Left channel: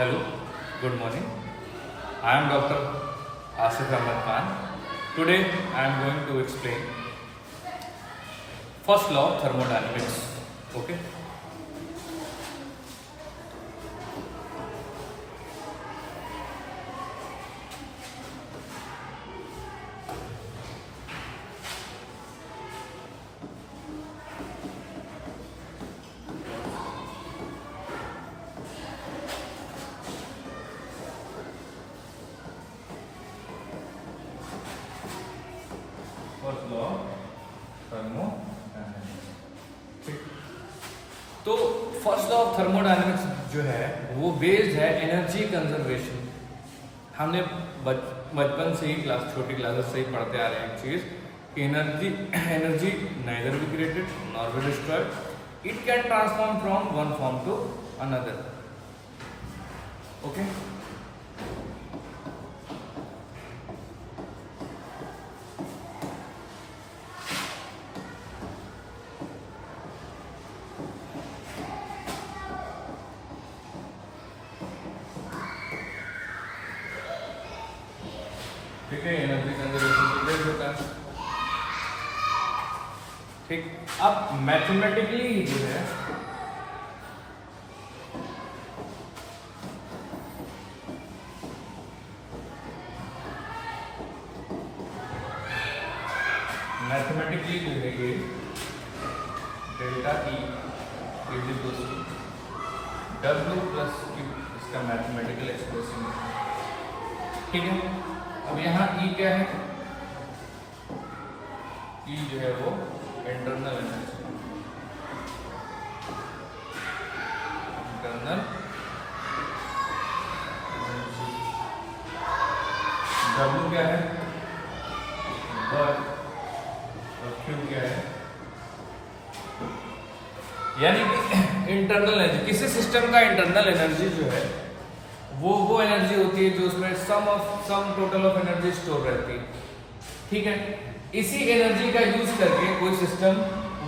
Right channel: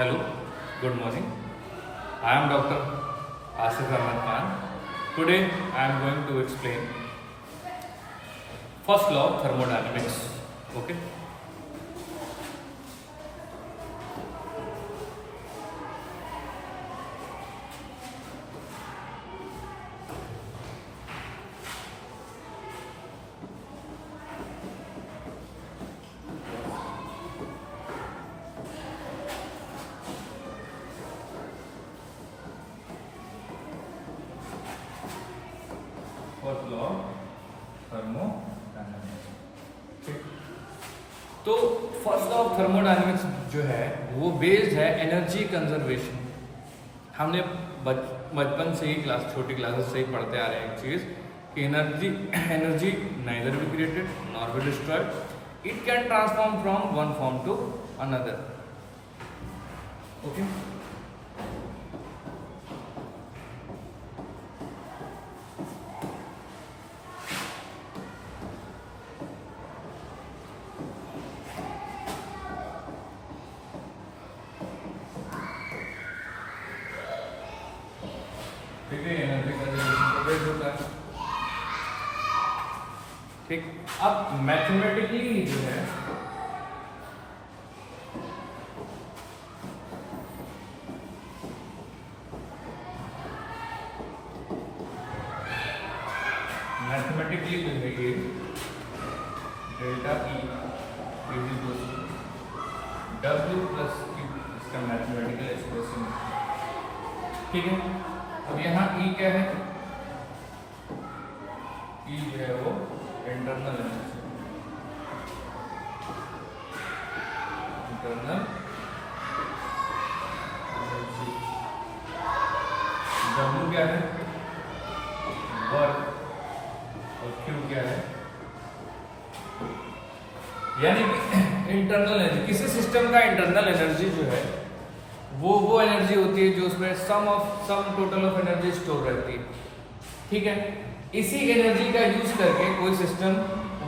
Hello, good morning. I am Dr. Asif Ahmed Khan. Today I am going to explain first law of thermodynamics. Okay. First law thermodynamics. ठीक, तो first law of thermodynamics जो है वो based है energy conservation. हमने बचपन से ही छोटी क्लासेस से ही पढ़ते आ रहे हैं एक चीज कि energy neither be created nor be destroyed, it can transform from one form to another. Okay, ठीक है, एनर्जी कंजर्वेशन को बेस्ड होता है। ठीक, अब मैथमेटिकली जो है ये delta E is equal to W plus Q, इसका मैथमेटिकल एक्सप्रेशन है। ठीक है, अब यहाँ E क्या है? E जो है वो इंटरनल एनर्जी, W क्या है? वर्क, और Q क्या है? यानी इंटरनल एनर्जी, किसी सिस्टम का इंटरनल एनर्जी जो है वो एनर्जी होती है जो उसमें sum total of energy store रहती है। ठीक है, इसी एनर्जी का यूज करके कोई सिस्टम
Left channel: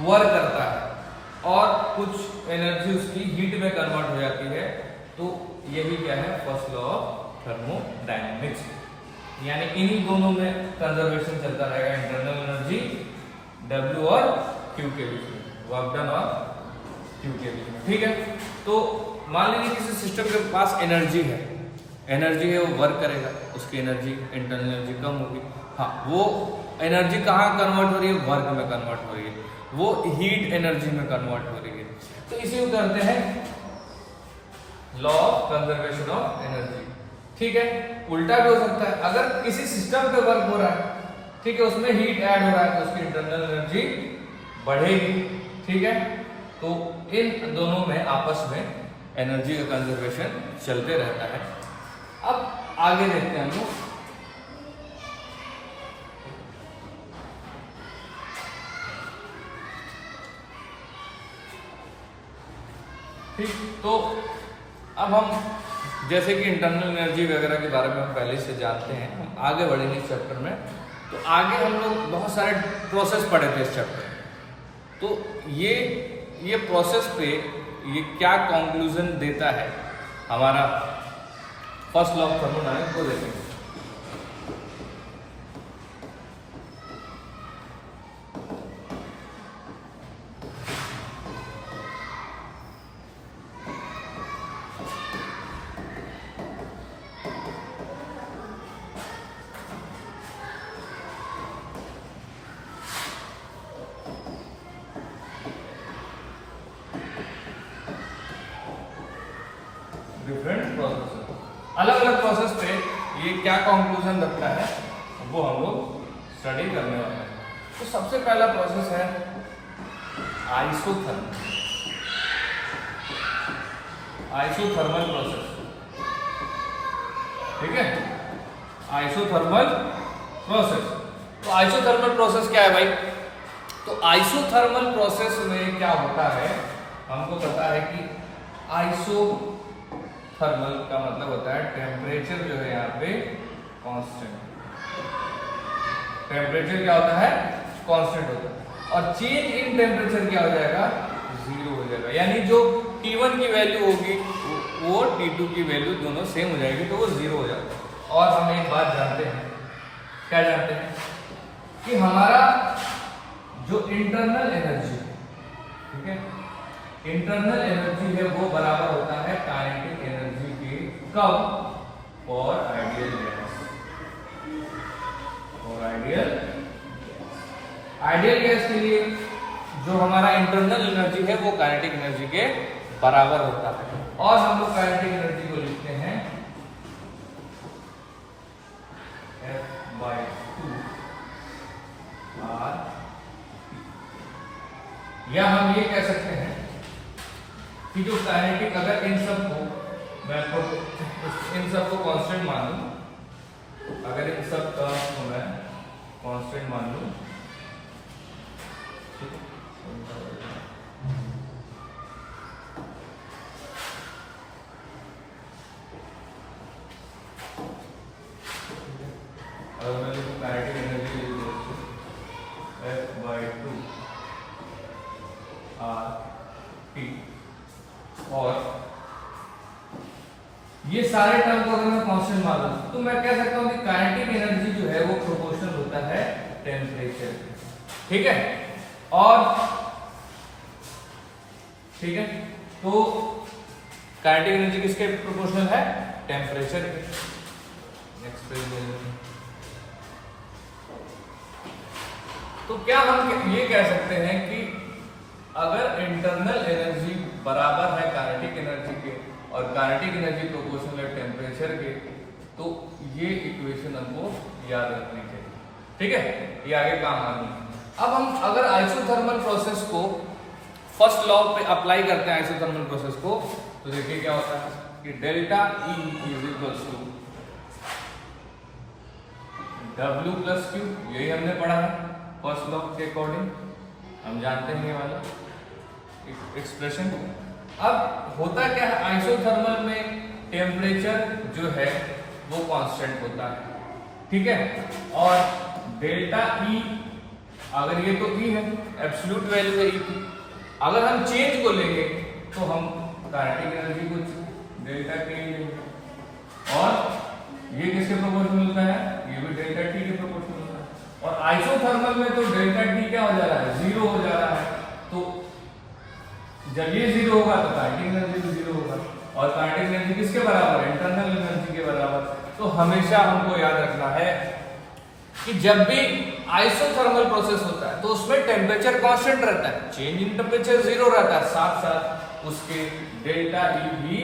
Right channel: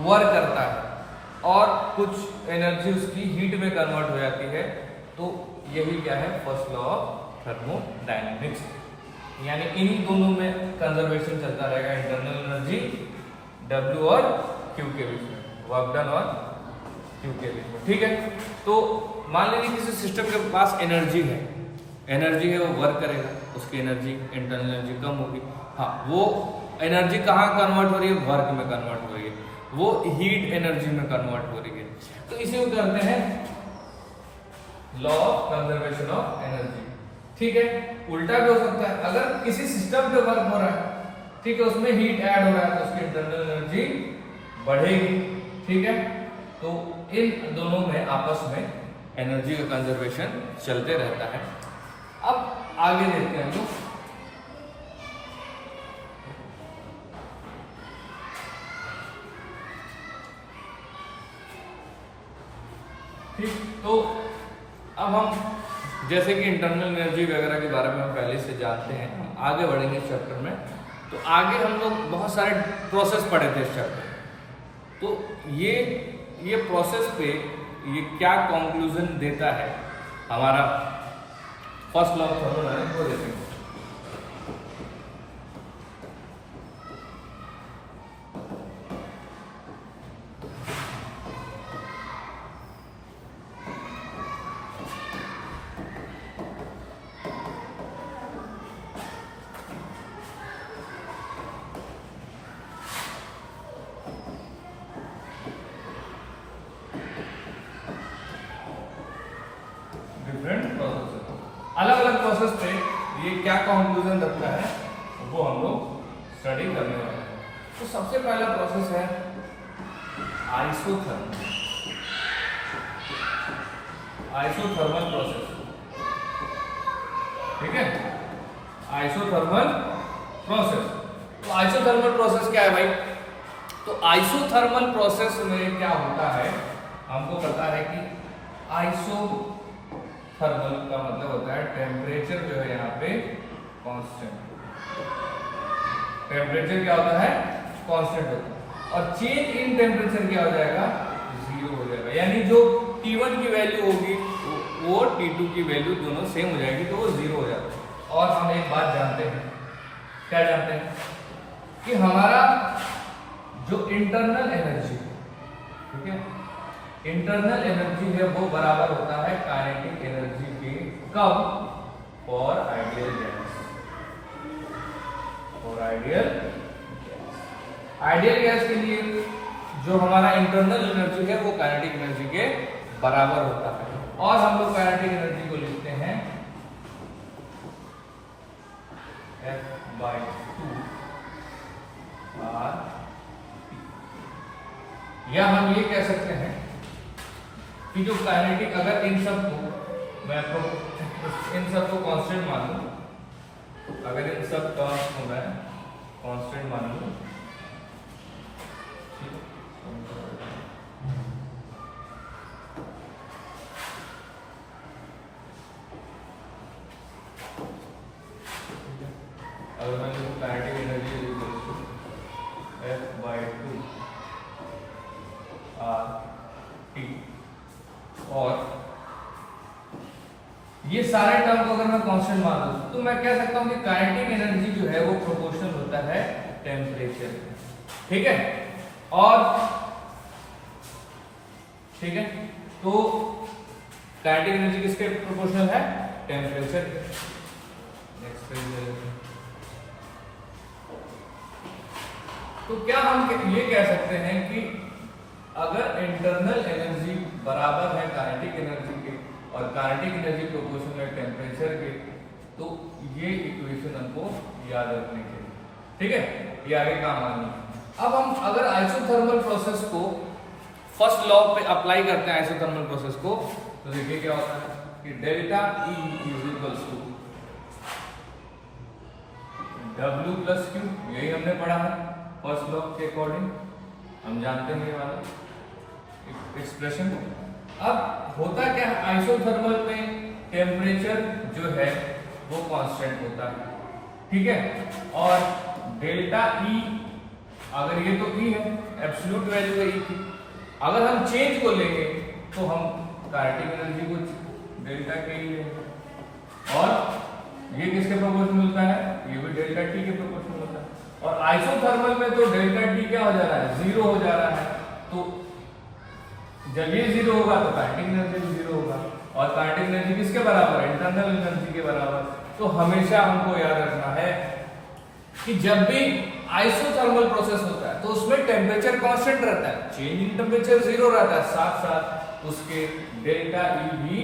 वर्क करता है और कुछ एनर्जी उसकी हीट में कन्वर्ट हो जाती है। तो यही क्या है? First law of thermodynamics. यानी इन्हीं दोनों में कंजर्वेशन चलता रहेगा, इंटरनल एनर्जी W और Q के बीच में, वर्क डन और Q के बीच में। ठीक है, तो मान लीजिए किसी सिस्टम के पास एनर्जी है वो वर्क करेगा, उसकी एनर्जी इंटरनल एनर्जी कम होगी। हाँ, वो एनर्जी कहाँ कन्वर्ट हो रही है? वर्क में कन्वर्ट हो रही है, वो हीट एनर्जी में कन्वर्ट हो रही है। तो इसी को कहते हैं law of conservation of energy. ठीक है, उल्टा भी हो सकता है, अगर किसी सिस्टम पे वर्क हो रहा है, ठीक है, उसमें हीट ऐड हो रहा है तो उसकी इंटरनल एनर्जी बढ़ेगी। ठीक है, तो इन दोनों में आपस में एनर्जी का कंजर्वेशन चलते रहता है। अब आगे देखते हैं हम लोग। ठीक, तो अब हम जैसे कि इंटरनल एनर्जी वगैरह के बारे में हम पहले से जानते हैं, हम आगे बढ़ेंगे इस चैप्टर में। तो आगे हम लोग बहुत सारे प्रोसेस पढ़े थे इस चैप्टर में, तो ये प्रोसेस पे ये क्या कंक्लूजन देता है हमारा फर्स्ट लॉ ऑफ थर्मोडायनेमिक्स को देखेंगे। डिफरेंट प्रोसेस, अलग अलग प्रोसेस पे ये क्या कंक्लूजन रखता है वो हम लोग स्टडी करने वाले हैं। तो सबसे पहला प्रोसेस है आइसोथर्मल प्रोसेस। ठीक है, आइसोथर्मल प्रोसेस। तो आइसोथर्मल प्रोसेस क्या है भाई? तो आइसोथर्मल प्रोसेस में क्या होता है, हमको पता है कि आइसोथर्मल का मतलब होता है टेम्परेचर जो है यहाँ पे कांस्टेंट। टेम्परेचर क्या होता है? कांस्टेंट होता है, और चेंज इन टेम्परेचर क्या हो जाएगा? जीरो हो जाएगा। यानी जो T1 की वैल्यू होगी वो T2 की वैल्यू दोनों सेम हो जाएगी, तो वो 0 हो जाता है। और हम एक बात जानते हैं, क्या जानते हैं कि हमारा जो इंटरनल एनर्जी, ठीक है, इंटरनल एनर्जी है वो बराबर होता है काइनेटिक एनर्जी के, कब, और आइडियल गैस, और आइडियल गैस के लिए जो हमारा इंटरनल एनर्जी है वो काइनेटिक एनर्जी के बराबर होता है। और हम लोग काइनेटिक एनर्जी को लिखते हैं F/2 R, या हम ये कह सकते हैं कि जो काइनेटिक, अगर इन सब को मैं इन सब को कांस्टेंट मान लूं, अगर इन सब टर्म्स को मैं कांस्टेंट मान लूं, अगर मैं लिखूं काइनेटिक एनर्जी F/2 RT, और ये सारे टर्म को अगर मैं कांस्टेंट मान लूं तो मैं कह सकता हूं कि काइनेटिक एनर्जी जो है वो प्रोपोर्शनल होता है टेम्परेचर के, ठीक है। और ठीक है, तो काइनेटिक एनर्जी किसके प्रोपोर्शनल है? टेम्परेचर के। Next page. तो क्या हम ये कह सकते हैं कि अगर इंटरनल एनर्जी बराबर है काइनेटिक एनर्जी के और काइनेटिक एनर्जी प्रोपोर्शनल है टेम्परेचर के, तो ये इक्वेशन हमको याद रखनी चाहिए, ठीक है, ये आगे काम आनी है। अब हम अगर आइसोथर्मल प्रोसेस को फर्स्ट लॉ पे अप्लाई करते हैं आइसोथर्मल प्रोसेस को, तो देखिए क्या होता है कि delta E is equals to W plus Q, यही हमने पढ़ा है फर्स्ट लॉ के अकॉर्डिंग, हम जानते हैं ये वाला एक्सप्रेशन। अब होता क्या है, आइसोथर्मल में टेम्परेचर जो है वो कांस्टेंट होता है, ठीक है, और डेल्टा E, अगर ये तो E है, एब्सोल्यूट वैल्यू है E की, अगर हम चेंज को लेंगे तो हम काइनेटिक एनर्जी को डेल्टा K लेंगे, और ये किसके प्रोपोर्शनल होता है? ये भी डेल्टा T के प्रोपोर्शनल होता है। और आइसोथर्मल में तो डेल्टा T क्या हो जा रहा है? 0 हो जा रहा है। तो जब ये 0 होगा तो काइनेटिक एनर्जी भी 0 होगा, और काइनेटिक एनर्जी किसके बराबर है? इंटरनल एनर्जी के बराबर। तो हमेशा हमको याद रखना है कि जब भी आइसोथर्मल प्रोसेस होता है तो उसमें टेम्परेचर कांस्टेंट रहता है, चेंज इन टेम्परेचर 0 रहता है, साथ साथ उसके डेल्टा E भी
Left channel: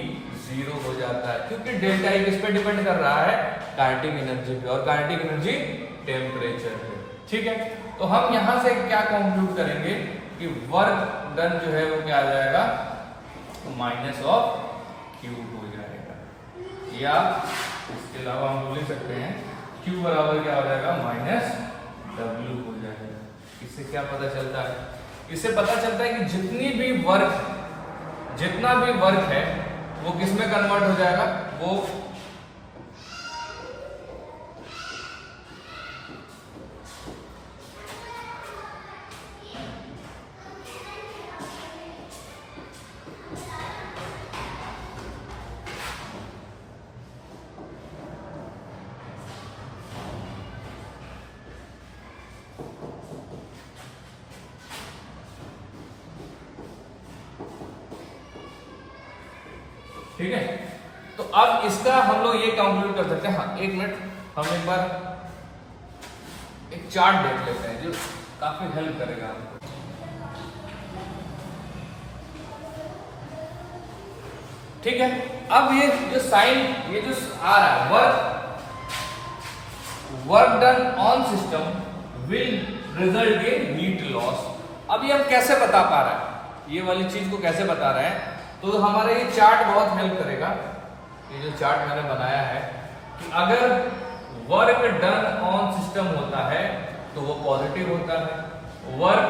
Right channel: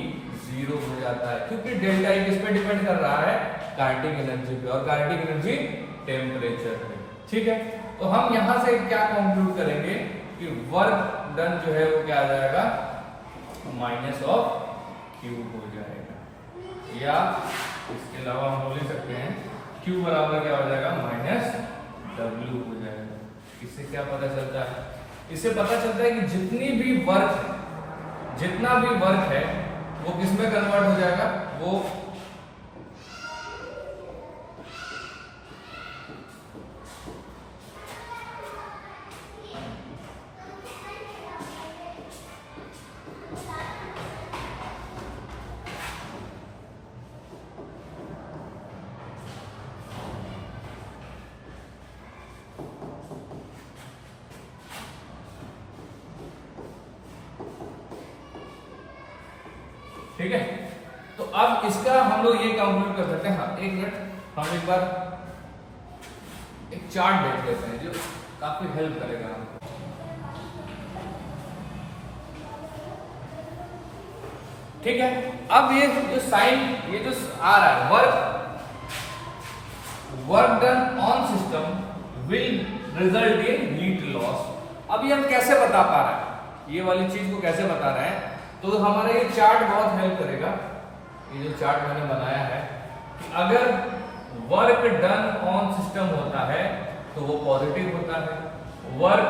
0 हो जाता है, क्योंकि डेल्टा E किस पे डिपेंड कर रहा है? काइनेटिक एनर्जी पे, और काइनेटिक एनर्जी टेम्परेचर पे, ठीक है। तो हम यहां से क्या कंक्लूड करेंगे कि वर्क डन जो है वो क्या आ जाएगा? माइनस ऑफ Q हो जाएगा, या इसके अलावा हम बोल सकते हैं Q बराबर क्या हो जाएगा? माइनस W हो जाएगा। इससे क्या पता चलता है? इससे पता चलता है कि जितना भी वर्क है वो किस में कन्वर्ट हो जाएगा? वो ठीक है। तो अब इसका हम लोग ये कंक्लूड कर सकते हैं। हाँ, एक मिनट, हम एक बार एक चार्ट देख लेते हैं जो काफी हेल्प करेगा हमको। ठीक है, अब ये जो साइन, ये जो आ रहा है work done on system will result in heat loss. अब ये हम कैसे बता पा रहे हैं, ये वाली चीज को कैसे बता रहे हैं? तो हमारा ये चार्ट बहुत हेल्प करेगा। ये जो चार्ट मैंने बनाया है, अगर वर्क डन ऑन सिस्टम होता है तो वो पॉजिटिव होता है, वर्क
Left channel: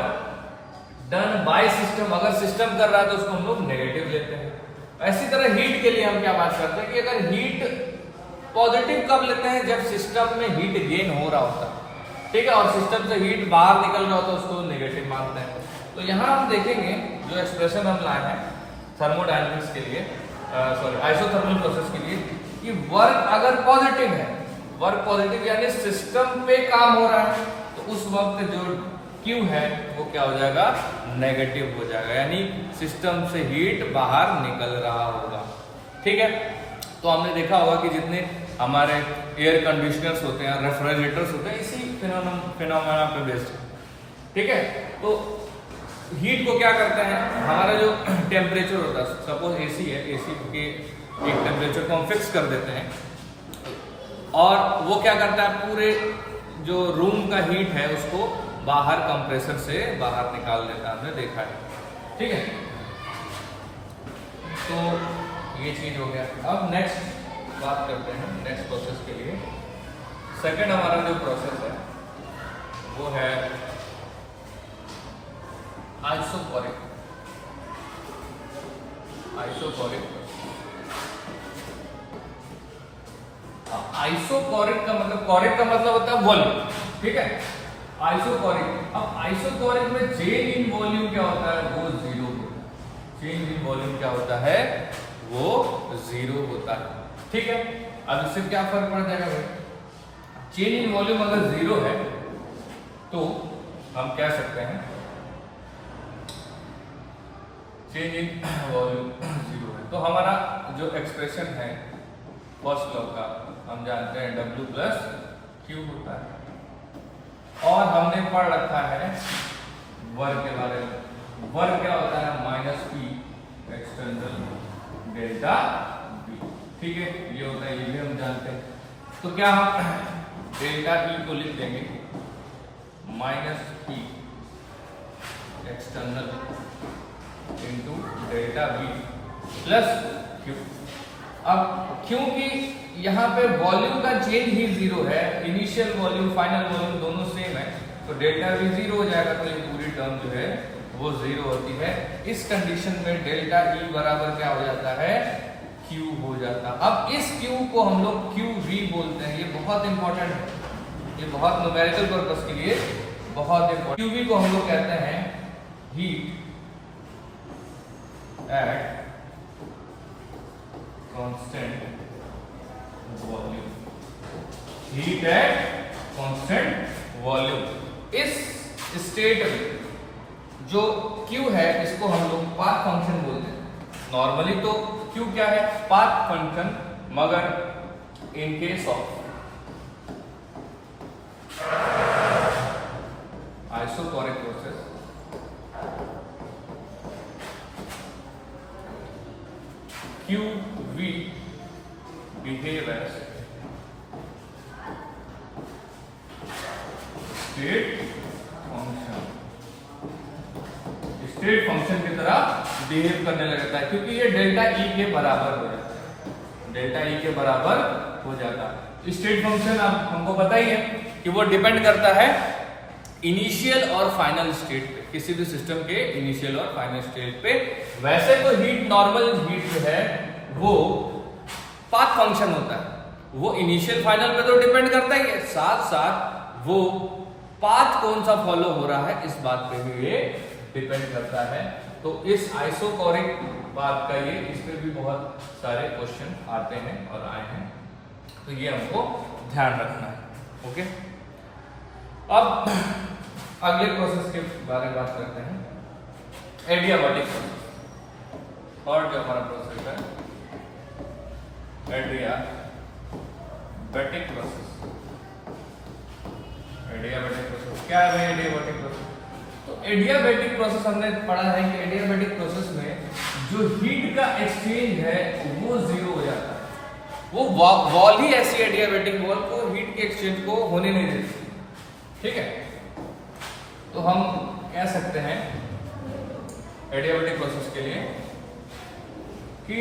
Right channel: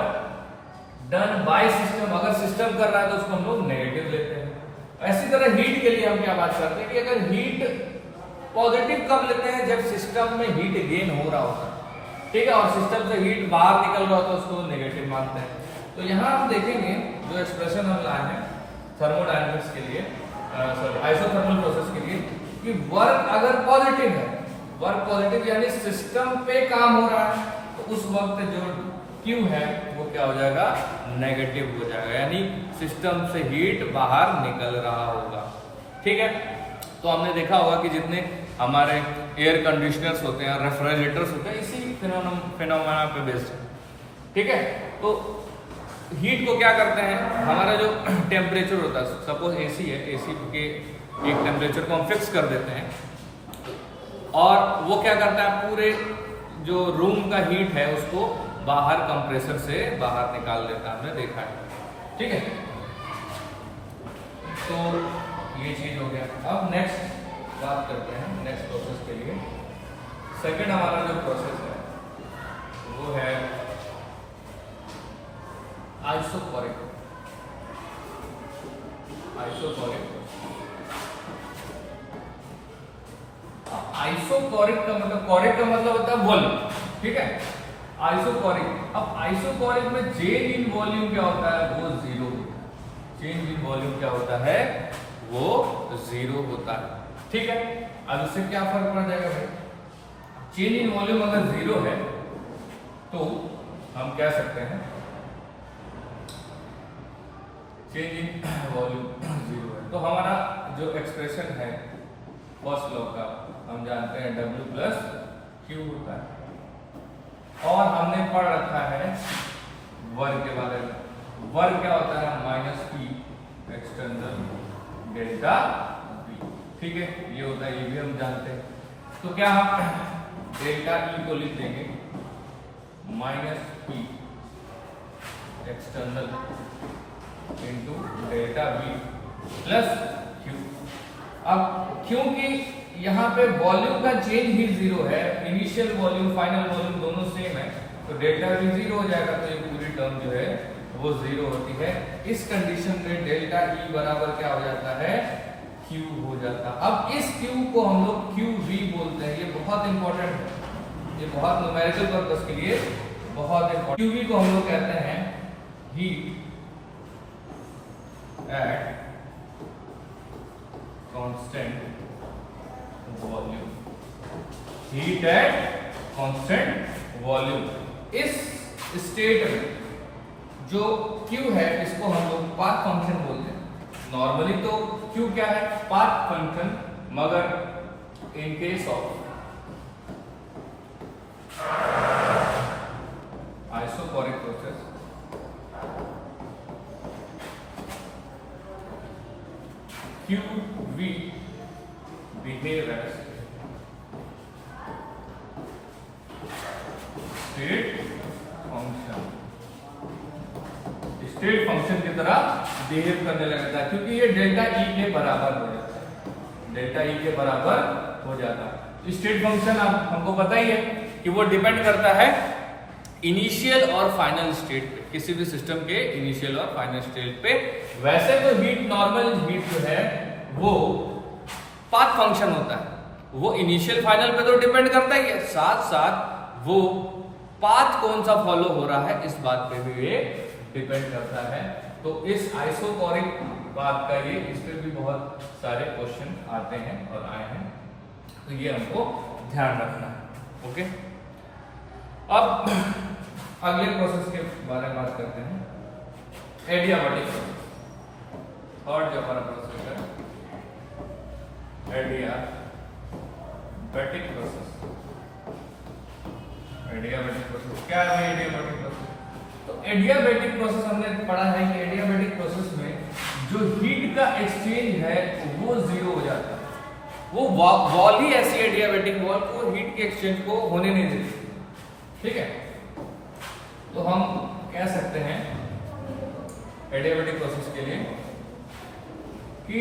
डन बाय सिस्टम, अगर सिस्टम कर रहा है तो उसको हम लोग नेगेटिव लेते हैं। ऐसी तरह हीट के लिए हम क्या बात करते हैं कि अगर हीट पॉजिटिव कब लेते हैं? जब सिस्टम में हीट गेन हो रहा होता है, ठीक है, और सिस्टम से हीट बाहर निकल रहा होता है, उसको नेगेटिव मानते हैं। तो यहां हम देखेंगे जो एक्सप्रेशन हम लाए हैं थर्मोडायनेमिक्स के लिए, आइसोथर्मल प्रोसेस के लिए कि वर्क अगर पॉजिटिव है, वर्क पॉजिटिव यानी सिस्टम पे काम हो रहा है, तो उस वक्त जो Q है वो क्या हो जाएगा, नेगेटिव हो जाएगा, यानी सिस्टम से हीट बाहर निकल रहा होगा। ठीक है, तो हमने देखा होगा कि जितने हमारे एयर कंडीशनर्स होते हैं, रेफ्रिजरेटर्स होते हैं, इसी फिनोमेना पे बेस्ड है। ठीक है, तो हीट को क्या करते हैं, हमारा जो टेम्परेचर होता है, सपोज एसी है, एसी के एक टेम्परेचर को हम फिक्स कर देते हैं और वो क्या करता है, पूरे जो रूम का हीट है उसको बाहर कंप्रेसर से बाहर निकाल देता है, हमने देखा है। ठीक है, तो ये चीज हो गया। अब नेक्स्ट बात करते हैं नेक्स्ट प्रोसेस के लिए। सेकंड हमारा जो प्रोसेस है वो है आइसोकोरिक। आइसोकोरिक का मतलब, कोरिक का मतलब होता है वॉल्यूम। ठीक है, आइसोकोरिक। अब आइसोकोरिक में चेंज इन वॉल्यूम क्या होता है, वो जीरो होता है। चेंज इन वॉल्यूम क्या होता है, वो जीरो होता है। ठीक है, अब इससे क्या फर्क पड़ जाएगा भाई, चेंज इन वॉल्यूम अगर जीरो है तो हम कह सकते हैं चेंज इन वॉल्यूम जीरो है, तो हमारा जो एक्सप्रेशन है फर्स्ट लॉ का हम जानते हैं W प्लस Q होता है। और हमने पढ़ रखा है वर्क के बारे में। वर्क क्या होता है, minus P external delta B। ठीक है, ये होता है, ये भी हम जानते हैं। तो क्या हम डेल्टा E को लिख देंगे minus P external into delta B plus Q। अब क्योंकि यहाँ पे वॉल्यूम का चेंज ही जीरो है, इनिशियल वॉल्यूम फाइनल वॉल्यूम दोनों सेम है, तो डेल्टा V जीरो हो जाएगा, तो ये पूरी टर्म जो है वो जीरो होती है। इस कंडीशन में डेल्टा E बराबर क्या हो जाता है, Q हो जाता है। अब इस Q को हम लोग QV बोलते हैं, ये बहुत इंपॉर्टेंट है, ये बहुत न्यूमेरिकल पर्पस के लिए बहुत इंपॉर्टेंट। QV को हम लोग कहते हैं heat at constant volume. Heat at constant volume. इस स्टेट में जो Q है इसको हम लोग पाथ फंक्शन बोलते हैं। नॉर्मली तो Q क्या है, पाथ फंक्शन, मगर in case of isochoric process QV behave as state function. State function की तरह बिहेव करने लगता है, क्योंकि ये डेल्टा E के बराबर हो जाता है, डेल्टा E के बराबर हो जाता है। स्टेट फंक्शन अब हमको पता ही है कि वो डिपेंड करता है इनिशियल और फाइनल स्टेट पे, किसी भी सिस्टम के इनिशियल और फाइनल स्टेट पे। वैसे तो हीट, नॉर्मल हीट जो है वो पाथ फंक्शन होता है, वो इनिशियल फाइनल पे तो डिपेंड करता ही है, साथ साथ वो पाथ कौन सा फॉलो हो रहा है इस बात पे भी ये डिपेंड करता है। तो इस आइसोकोरिक बात का ये, इस पे भी बहुत सारे क्वेश्चन आते हैं और आए हैं, तो ये हमको ध्यान रखना है। ओके, अब अगले प्रोसेस के बारे में बात करते हैं, एडियाबैटिक प्रोसेस। और जो हमारा प्रोसेस है एडियाबैटिक प्रोसेस। एडियाबैटिक प्रोसेस क्या है भाई, एडियाबैटिक प्रोसेस? तो एडियाबैटिक प्रोसेस हमने पढ़ा है कि एडियाबैटिक प्रोसेस में जो हीट का एक्सचेंज है वो जीरो हो जाता है। वो वॉल ही ऐसी एडियाबैटिक वॉल को हीट के एक्सचेंज को होने नहीं देती। ठीक है, तो हम कह सकते हैं एडियाबैटिक प्रोसेस के लिए कि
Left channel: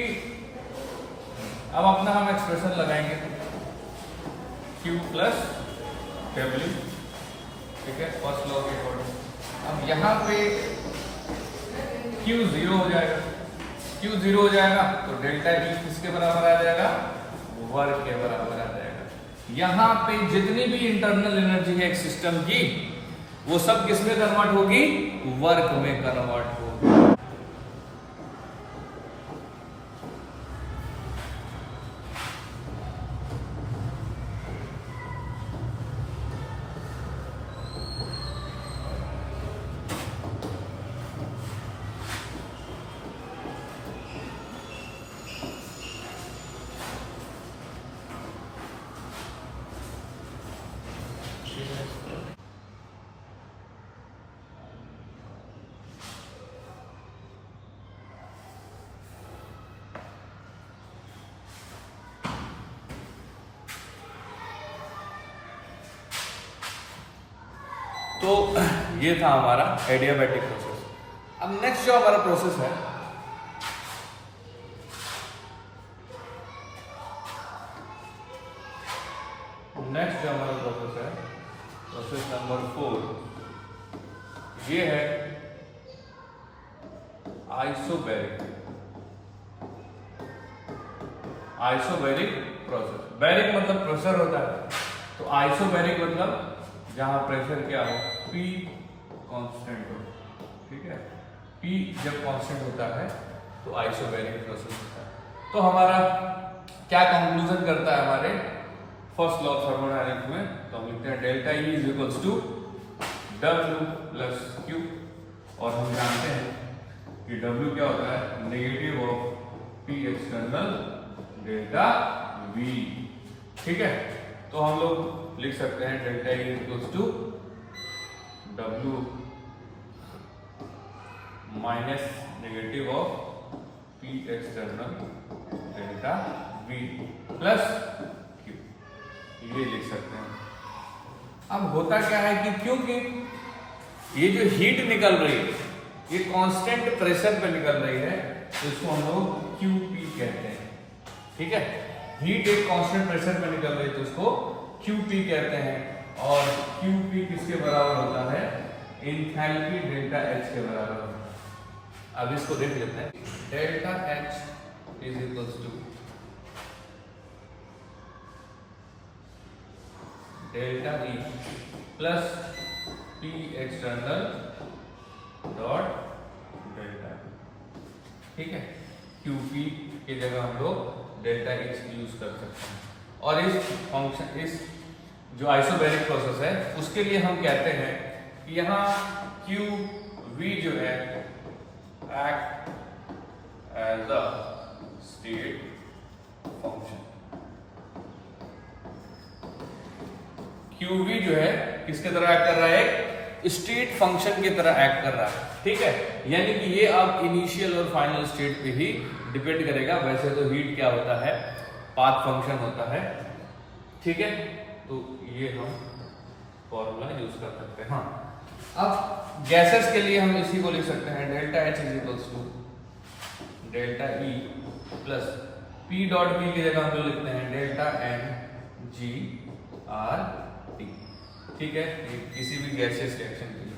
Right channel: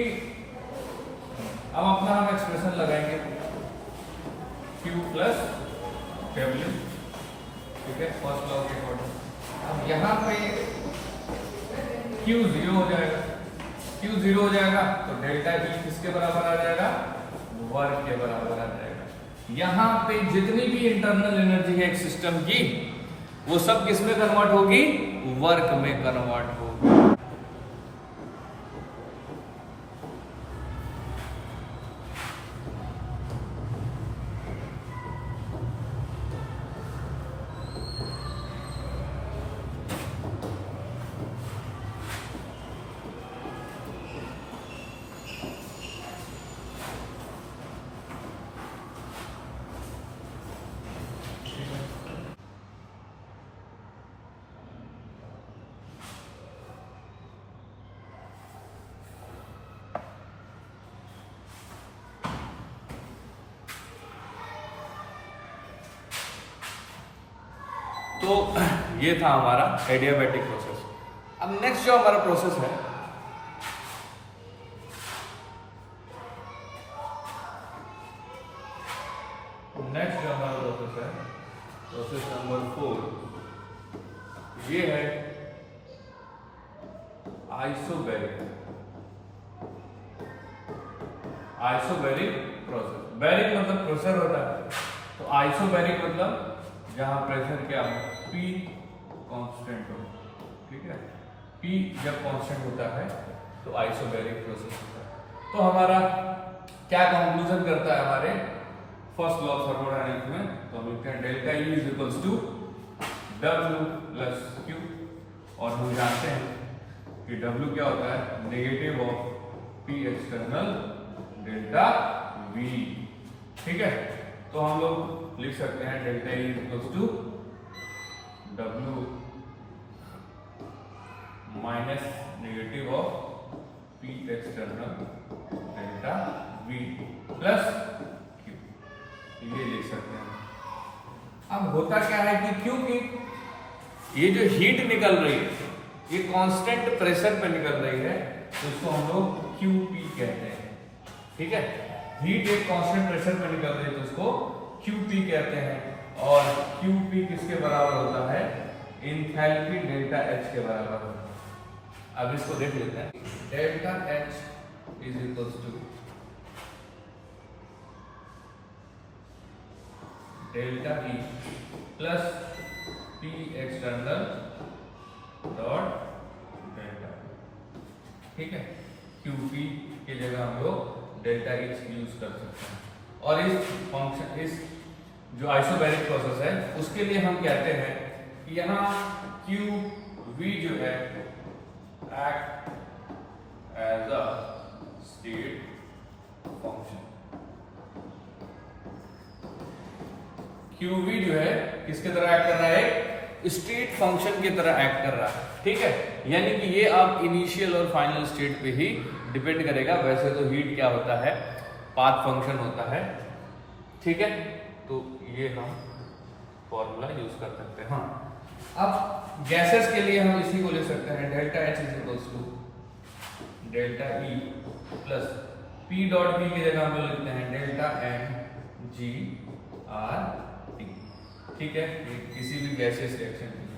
अब अपना हम एक्सप्रेशन लगाएंगे Q प्लस W। ठीक है, फर्स्ट लॉ के अकॉर्डिंग। अब यहाँ पे Q जीरो हो जाएगा, Q जीरो हो जाएगा तो डेल्टा E किसके बराबर आ जाएगा, वर्क के बराबर आ जाएगा। यहाँ पे जितनी भी इंटरनल एनर्जी है एक सिस्टम की, वो सब किस में कन्वर्ट होगी, वर्क में कन्वर्ट होगी। तो ये था हमारा एडियाबैटिक प्रोसेस। अब नेक्स्ट जो हमारा प्रोसेस है, प्रोसेस नंबर 4, ये है आइसोबैरिक प्रोसेस। बैरिक मतलब प्रेशर होता है, तो आइसोबैरिक मतलब जहां प्रेशर क्या हो, P कांस्टेंट हो। ठीक है, P जब कांस्टेंट होता है तो आइसोबैरिक प्रोसेस होता है। तो हमारा क्या कंक्लूजन करता है हमारे फर्स्ट लॉ ऑफ थर्मोडायनेमिक्स में, तो हम लिखते हैं delta E is equals to W plus Q, और हम जानते हैं कि W क्या होता है, negative of P external delta V। ठीक है, तो हम लोग लिख सकते हैं delta E equals to W minus negative of P external delta V plus Q, ये लिख सकते हैं। अब होता क्या है कि क्योंकि ये जो हीट निकल रही है ये कांस्टेंट प्रेशर पे निकल रही है, तो इसको हम लोग QP कहते हैं। ठीक है, हीट एक कांस्टेंट प्रेशर पे निकल रही है तो इसको QP कहते हैं, और QP किसके बराबर होता है, एंथैल्पी डेल्टा H के बराबर होता है। अब इसको देख लेते हैं, delta H is equals to delta E plus P external dot delta. ठीक है, QP की जगह हम लोग डेल्टा H यूज कर सकते हैं। और इस फंक्शन, इस जो आइसोबैरिक प्रोसेस है उसके लिए हम कहते हैं कि यहाँ QV जो है act as a state function. QV जो है किसके तरह एक्ट कर रहा है, स्टेट फंक्शन की तरह एक्ट कर रहा है। ठीक है, यानी कि ये आप इनिशियल और फाइनल स्टेट पे ही डिपेंड करेगा। वैसे तो हीट क्या होता है, पाथ फंक्शन होता है। ठीक है, तो ये हम फॉर्मूला यूज कर सकते हैं। हाँ, अब गैसेस के लिए हम इसी को लिख सकते हैं, delta H is equals to delta E plus P dot B की जगह हम लोग लिखते हैं डेल्टा NGRT। ठीक है, किसी भी गैसियस रिएक्शन के लिए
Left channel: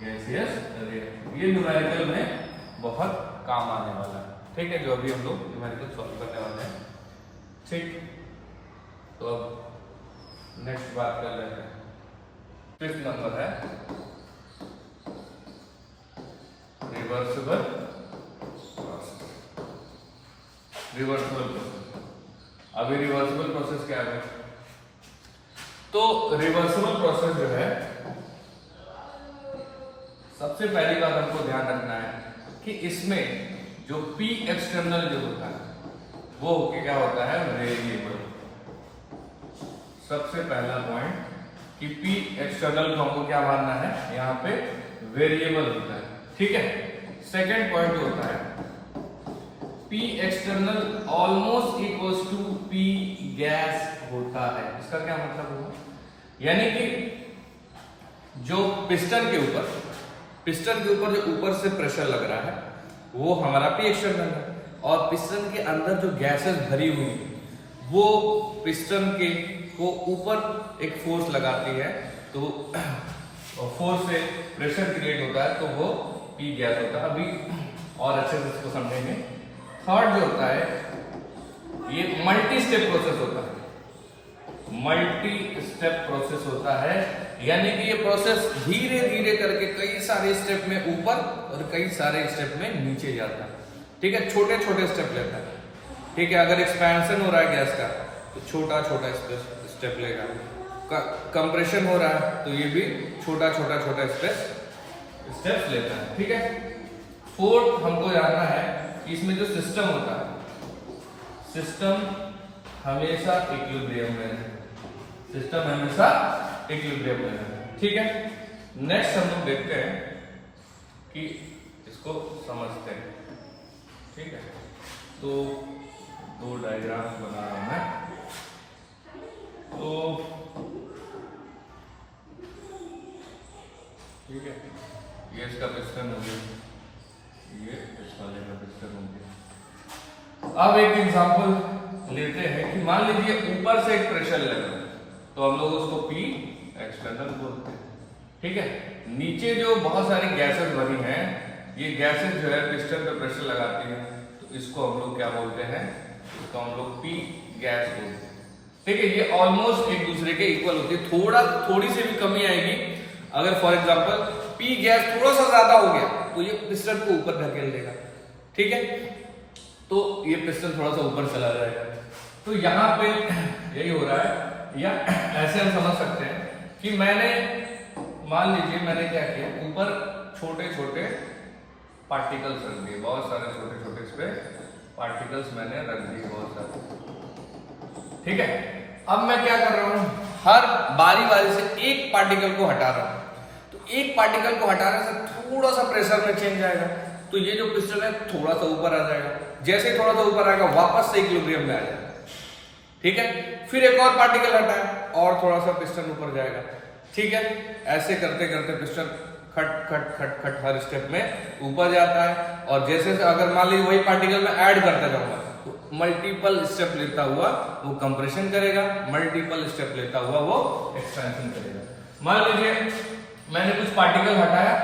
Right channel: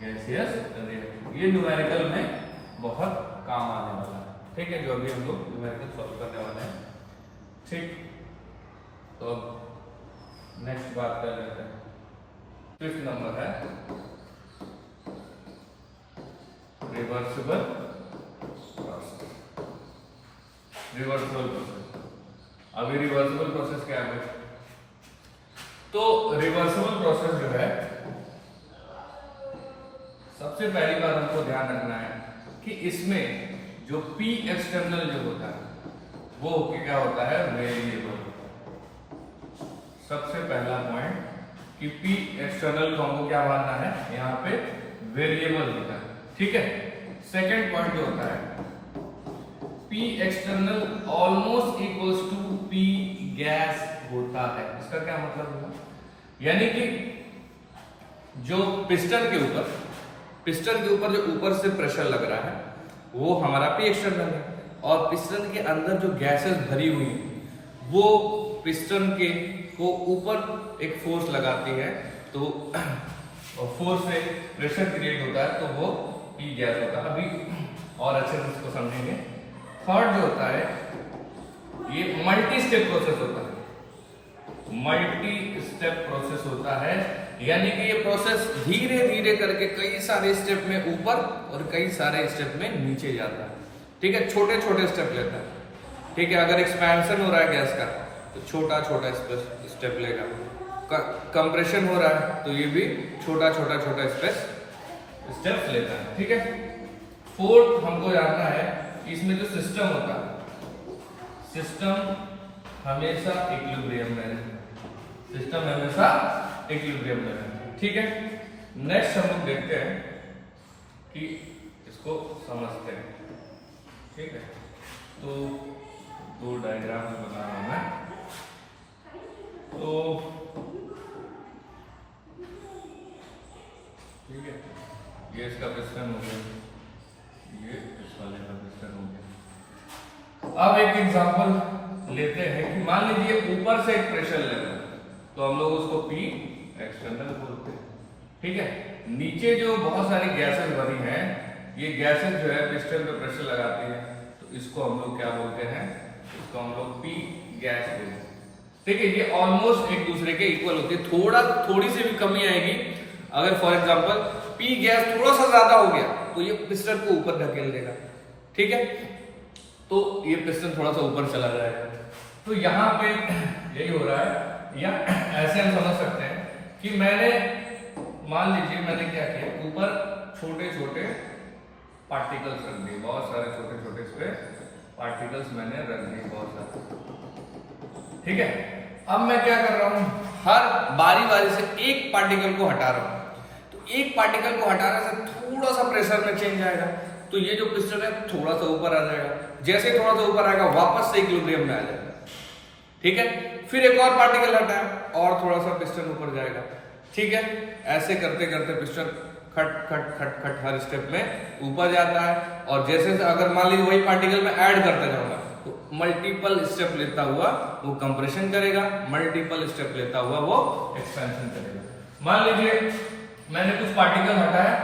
गैसियस रिएक्शन, ये न्यूमेरिकल में बहुत काम आने वाला है। ठीक है, जो अभी हम लोग न्यूमेरिकल सॉल्व करने वाले हैं। ठीक, तो अब नेक्स्ट बात कर लेते हैं। 5th नंबर है रिवर्सिबल प्रोसेस। अभी रिवर्सिबल प्रोसेस क्या है, तो रिवर्सिबल प्रोसेस जो है, सबसे पहली बात हमको ध्यान रखना है कि इसमें जो P एक्सटर्नल जो होता है वो क्या होता है, वेरिएबल। सबसे पहला पॉइंट कि P एक्सटर्नल को हमको क्या मानना है, यहाँ पे वेरिएबल होता है। ठीक है, सेकेंड पॉइंट जो होता है P external almost equals to P gas होता है। इसका क्या मतलब होगा, यानी कि जो पिस्टन के ऊपर जो ऊपर से प्रेशर लग रहा है वो हमारा P एक्सटर्नल है, और पिस्टन के अंदर जो गैसेस भरी हुई है वो पिस्टन के को ऊपर एक फोर्स लगाती है, तो फोर्स से प्रेशर क्रिएट होता है, तो वो P गैस होता है। अभी और अच्छे से इसको समझेंगे। थर्ड जो होता है ये मल्टी स्टेप प्रोसेस होता है। मल्टी स्टेप प्रोसेस होता है, यानी कि ये प्रोसेस धीरे धीरे करके कई सारे स्टेप में ऊपर और कई सारे स्टेप में नीचे जाता है। ठीक है, छोटे छोटे स्टेप लेता है। ठीक है, अगर एक्सपेंशन हो रहा है गैस का तो छोटा छोटा स्टेप लेगा, कंप्रेशन हो रहा है तो ये भी छोटा छोटा स्टेप्स लेता है। ठीक है, फोर्थ हमको जानना है कि इसमें जो सिस्टम होता है, सिस्टम हमेशा इक्विलिब्रियम में है। ठीक है, नेक्स्ट हम लोग देखते हैं कि इसको समझते हैं। ठीक है, तो दो डायग्राम बना रहा हूं मैं। तो पिस्टन हो गया। अब एक एग्जांपल लेते हैं कि मान लीजिए ऊपर से एक प्रेशर ले रहे हैं, तो हम लोग उसको पी एक्सटर्नल बोलते हैं, ठीक है। नीचे जो बहुत सारी गैसेस बनी हैं, ये गैसेस जो है पिस्टन पे प्रेशर लगाती हैं, तो इसको हम लोग क्या बोलते हैं, इसको हम लोग पी गैस बोलते हैं, ठीक है। ये ऑलमोस्ट एक दूसरे के इक्वल होती है, थोड़ी सी भी कमी आएगी। अगर फॉर एग्जांपल पी गैस थोड़ा सा ज्यादा हो गया तो ये पिस्टन को ऊपर धकेल देगा, ठीक है, तो ये पिस्टन थोड़ा सा ऊपर चला जाएगा। तो यहाँ पे यही हो रहा है, या ऐसे हम समझ सकते हैं कि मान लीजिए मैंने क्या किया, ऊपर छोटे छोटे पार्टिकल्स रख दिए, बहुत सारे छोटे छोटे इस पे पार्टिकल्स मैंने रख दिए बहुत सारे, ठीक है। अब मैं क्या कर रहा हूं, हर बारी बारी से एक पार्टिकल को हटा रहा हूं, तो एक पार्टिकल को हटाने से थोड़ा सा प्रेशर में चेंज आएगा, तो ये जो पिस्टन है थोड़ा सा ऊपर आ जाएगा, जैसे ही थोड़ा सा ऊपर आएगा वापस से इक्विलिब्रियम में आ जाएगा, ठीक है। फिर एक और पार्टिकल हटाया और थोड़ा सा पिस्टन ऊपर जाएगा, ठीक है। ऐसे करते करते पिस्टन खट खट खट खट हर स्टेप में ऊपर जाता है, और जैसे अगर मान लीजिए वही पार्टिकल मैं ऐड करते जाऊंगा तो मल्टीपल स्टेप लेता हुआ वो कंप्रेशन करेगा, मल्टीपल स्टेप लेता हुआ वो एक्सपेंशन करेगा। मान लीजिए मैंने कुछ पार्टिकल हटाया,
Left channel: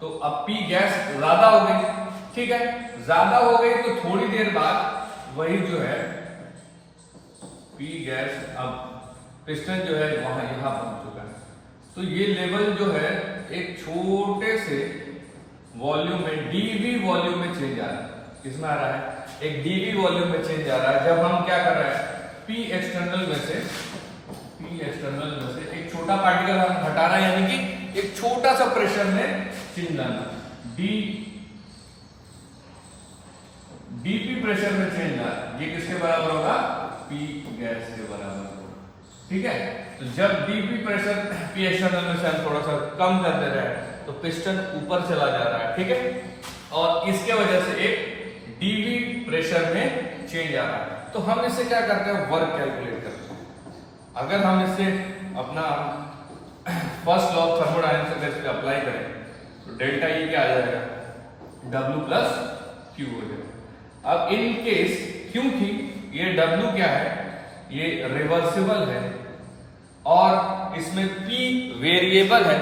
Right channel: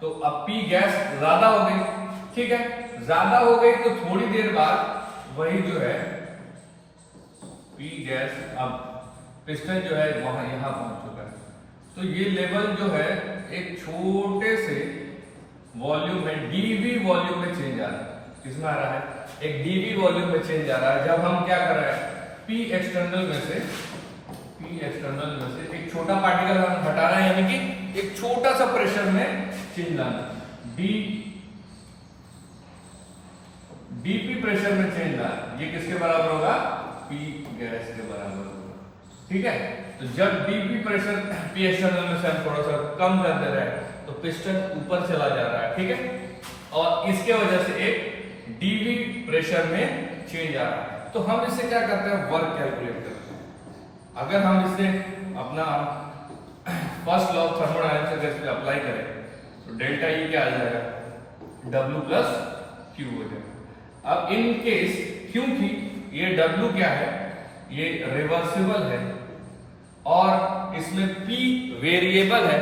तो अब पी गैस ज्यादा हो गई, ठीक है। ज्यादा हो गई तो थोड़ी देर बाद वही जो है पी गैस, अब पिस्टन जो है वहां यहां पहुंच चुका है, तो ये लेवल जो है एक छोटे से वॉल्यूम में, डीवी वॉल्यूम में चेंज आ रहा है। किसमें आ रहा है, एक डीवी वॉल्यूम में चेंज आ रहा है, जब हम क्या कर रहे हैं, पी एक्सटर्नल में से एक छोटा पार्टिकल हम हटा रहे हैं, यानी कि एक छोटा सा प्रेशर में चेंज लाना, डीपी प्रेशर में चेंज लाना, ये किसके बराबर होगा, पी गैस के बराबर होगा, ठीक है। तो जब डीपी प्रेशर पी एक्सटर्नल में से हम थोड़ा सा कम कर दे रहे हैं तो पिस्टन ऊपर चला जा रहा है, ठीक है, और इसके वजह से एक डीवी प्रेशर में चेंज आ रहा है। तो हम इससे क्या करते हैं, वर्क कैलकुलेट करते हैं। अगर हम इससे अपना फर्स्ट लॉ ऑफ थर्मोडायनेमिक्स इस पे अप्लाई करें तो डेल्टा ई क्या आ जाएगा, W प्लस क्यू हो जाएगा। अब इन केस, क्योंकि ये W क्या है, ये रिवर्सिबल है और इसमें P वेरिएबल है,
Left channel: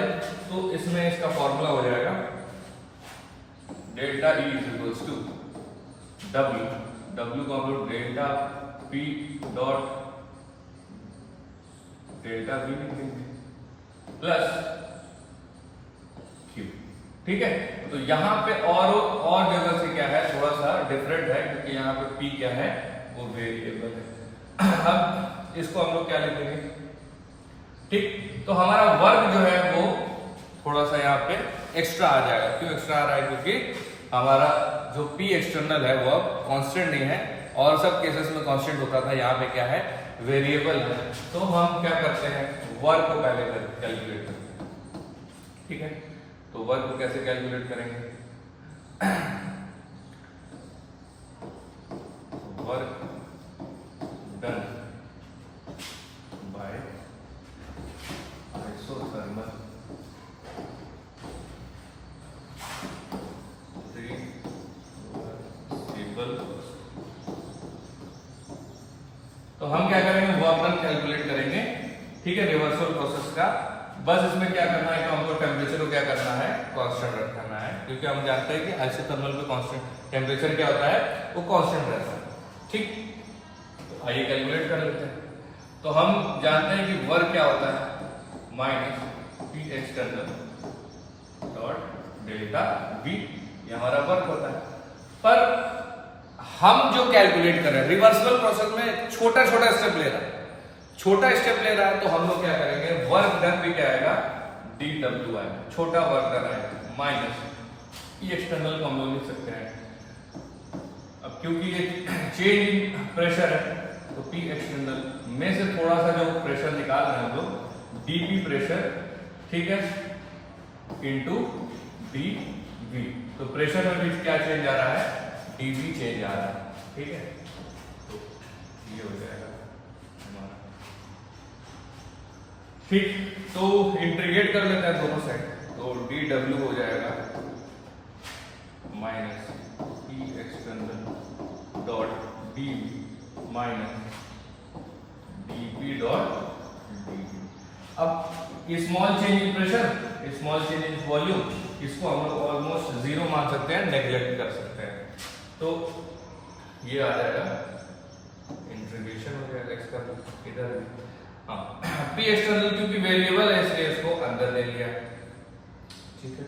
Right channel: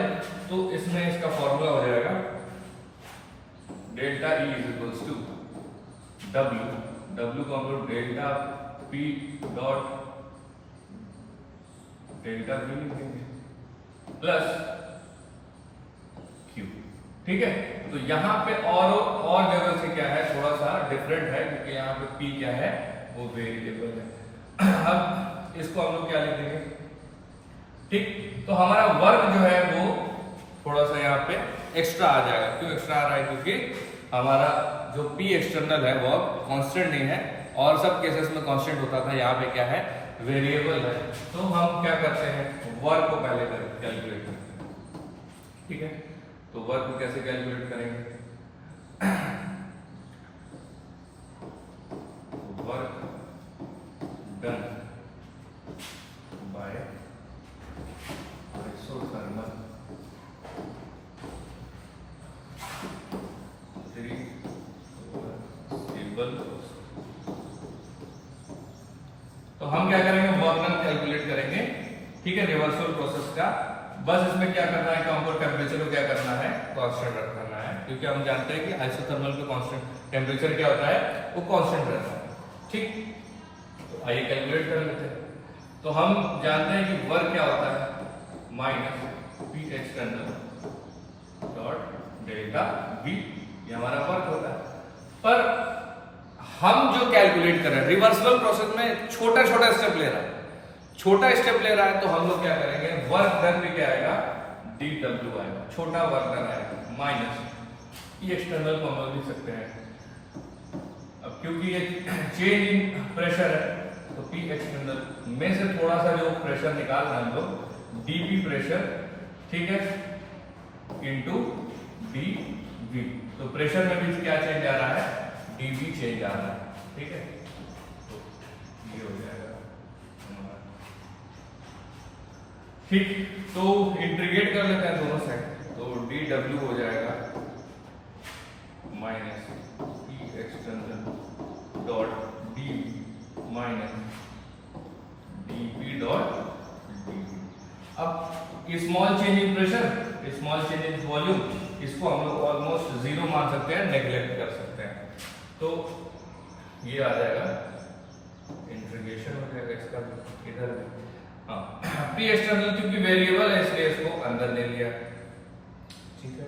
तो इसमें इसका फॉर्मूला हो जाएगा delta E is equals to W को हम लोग delta P dot delta V लिखेंगे प्लस Q, ठीक है। तो यहाँ पे और जगह से क्या है, थोड़ा सा डिफरेंट है, क्योंकि यहाँ पे P क्या है, वो वेरिएबल है। अब इसको हम लोग क्या लिखेंगे, ठीक। तो हमारा वर्क जो है वो थोड़ा सा यहाँ पे एक्स्ट्रा आ जाएगा। क्यों एक्स्ट्रा आ रहा है, क्योंकि हमारा जो P एक्सटर्नल है वो अब कांस्टेंट नहीं है, और सब केसेस में कांस्टेंट होता था, यहाँ पे क्या है, वेरिएबल है। तो हम क्या करते हैं, वर्क को पहले कैलकुलेट करते हैं, ठीक है। तो वर्क को कैसे कैलकुलेट करेंगे, work done by isothermal reversible. तो हम क्या करेंगे, वर्क डन कैलकुलेट करेंगे, ठीक है, रिवर्सिबल प्रोसेस का। बस इसमें क्या करना है कि हमको टेम्परेचर को क्या करना है, कांस्टेंट रखना है, क्योंकि हम जानते हैं कि आइसोथर्मल में कांस्टेंट टेम्परेचर क्या होता है, वो कांस्टेंट रहता है, ठीक। तो आइए कैलकुलेट कर लेते हैं। तो हम जानते हैं कि वर्क क्या होता है, minus P external dot delta we, ये हमारा वर्क होता है। पर हम जो कैलकुलेट कर रहे हैं रिवर्सिबल प्रोसेस में छोटा छोटा स्टेप ले रहा है, तो हम लोग क्या करेंगे, वर्क डन भी क्या आएगा, dW आएगा, छोटा वर्क डन आएगा, माइनस पी एक्सटर्नल को हम लोग लिख सकते हैं। अब क्योंकि ये चेंज इन प्रेशर है, तो पी एक्सटर्नल में से थोड़ा सा जो प्रेशर निकाल रहे हैं हम लोग, डीपी प्रेशर, ठीक है, इनटू डीवी। तो प्रेशर में भी क्या चेंज आ रहा है, डीवी चेंज आ रहा है, ठीक है। तो ये हो जाएगा हमारा, ठीक। तो इंटीग्रेट कर लेते हैं दोनों साइड, तो dW हो जाएगा minus P external dot D minus dP dot dV। अब small change in pressure, small change in volume, इसको हम लोग ऑलमोस्ट जीरो मान सकते हैं, नेग्लेक्ट कर सकते हैं। तो ये आ जाएगा, इंटीग्रेशन हो जाएगा इसका भी इधर भी। हाँ, P एक्सटर्नल क्योंकि वेरिएबल है इसलिए इसको अंदर ले लिया, ठीक है।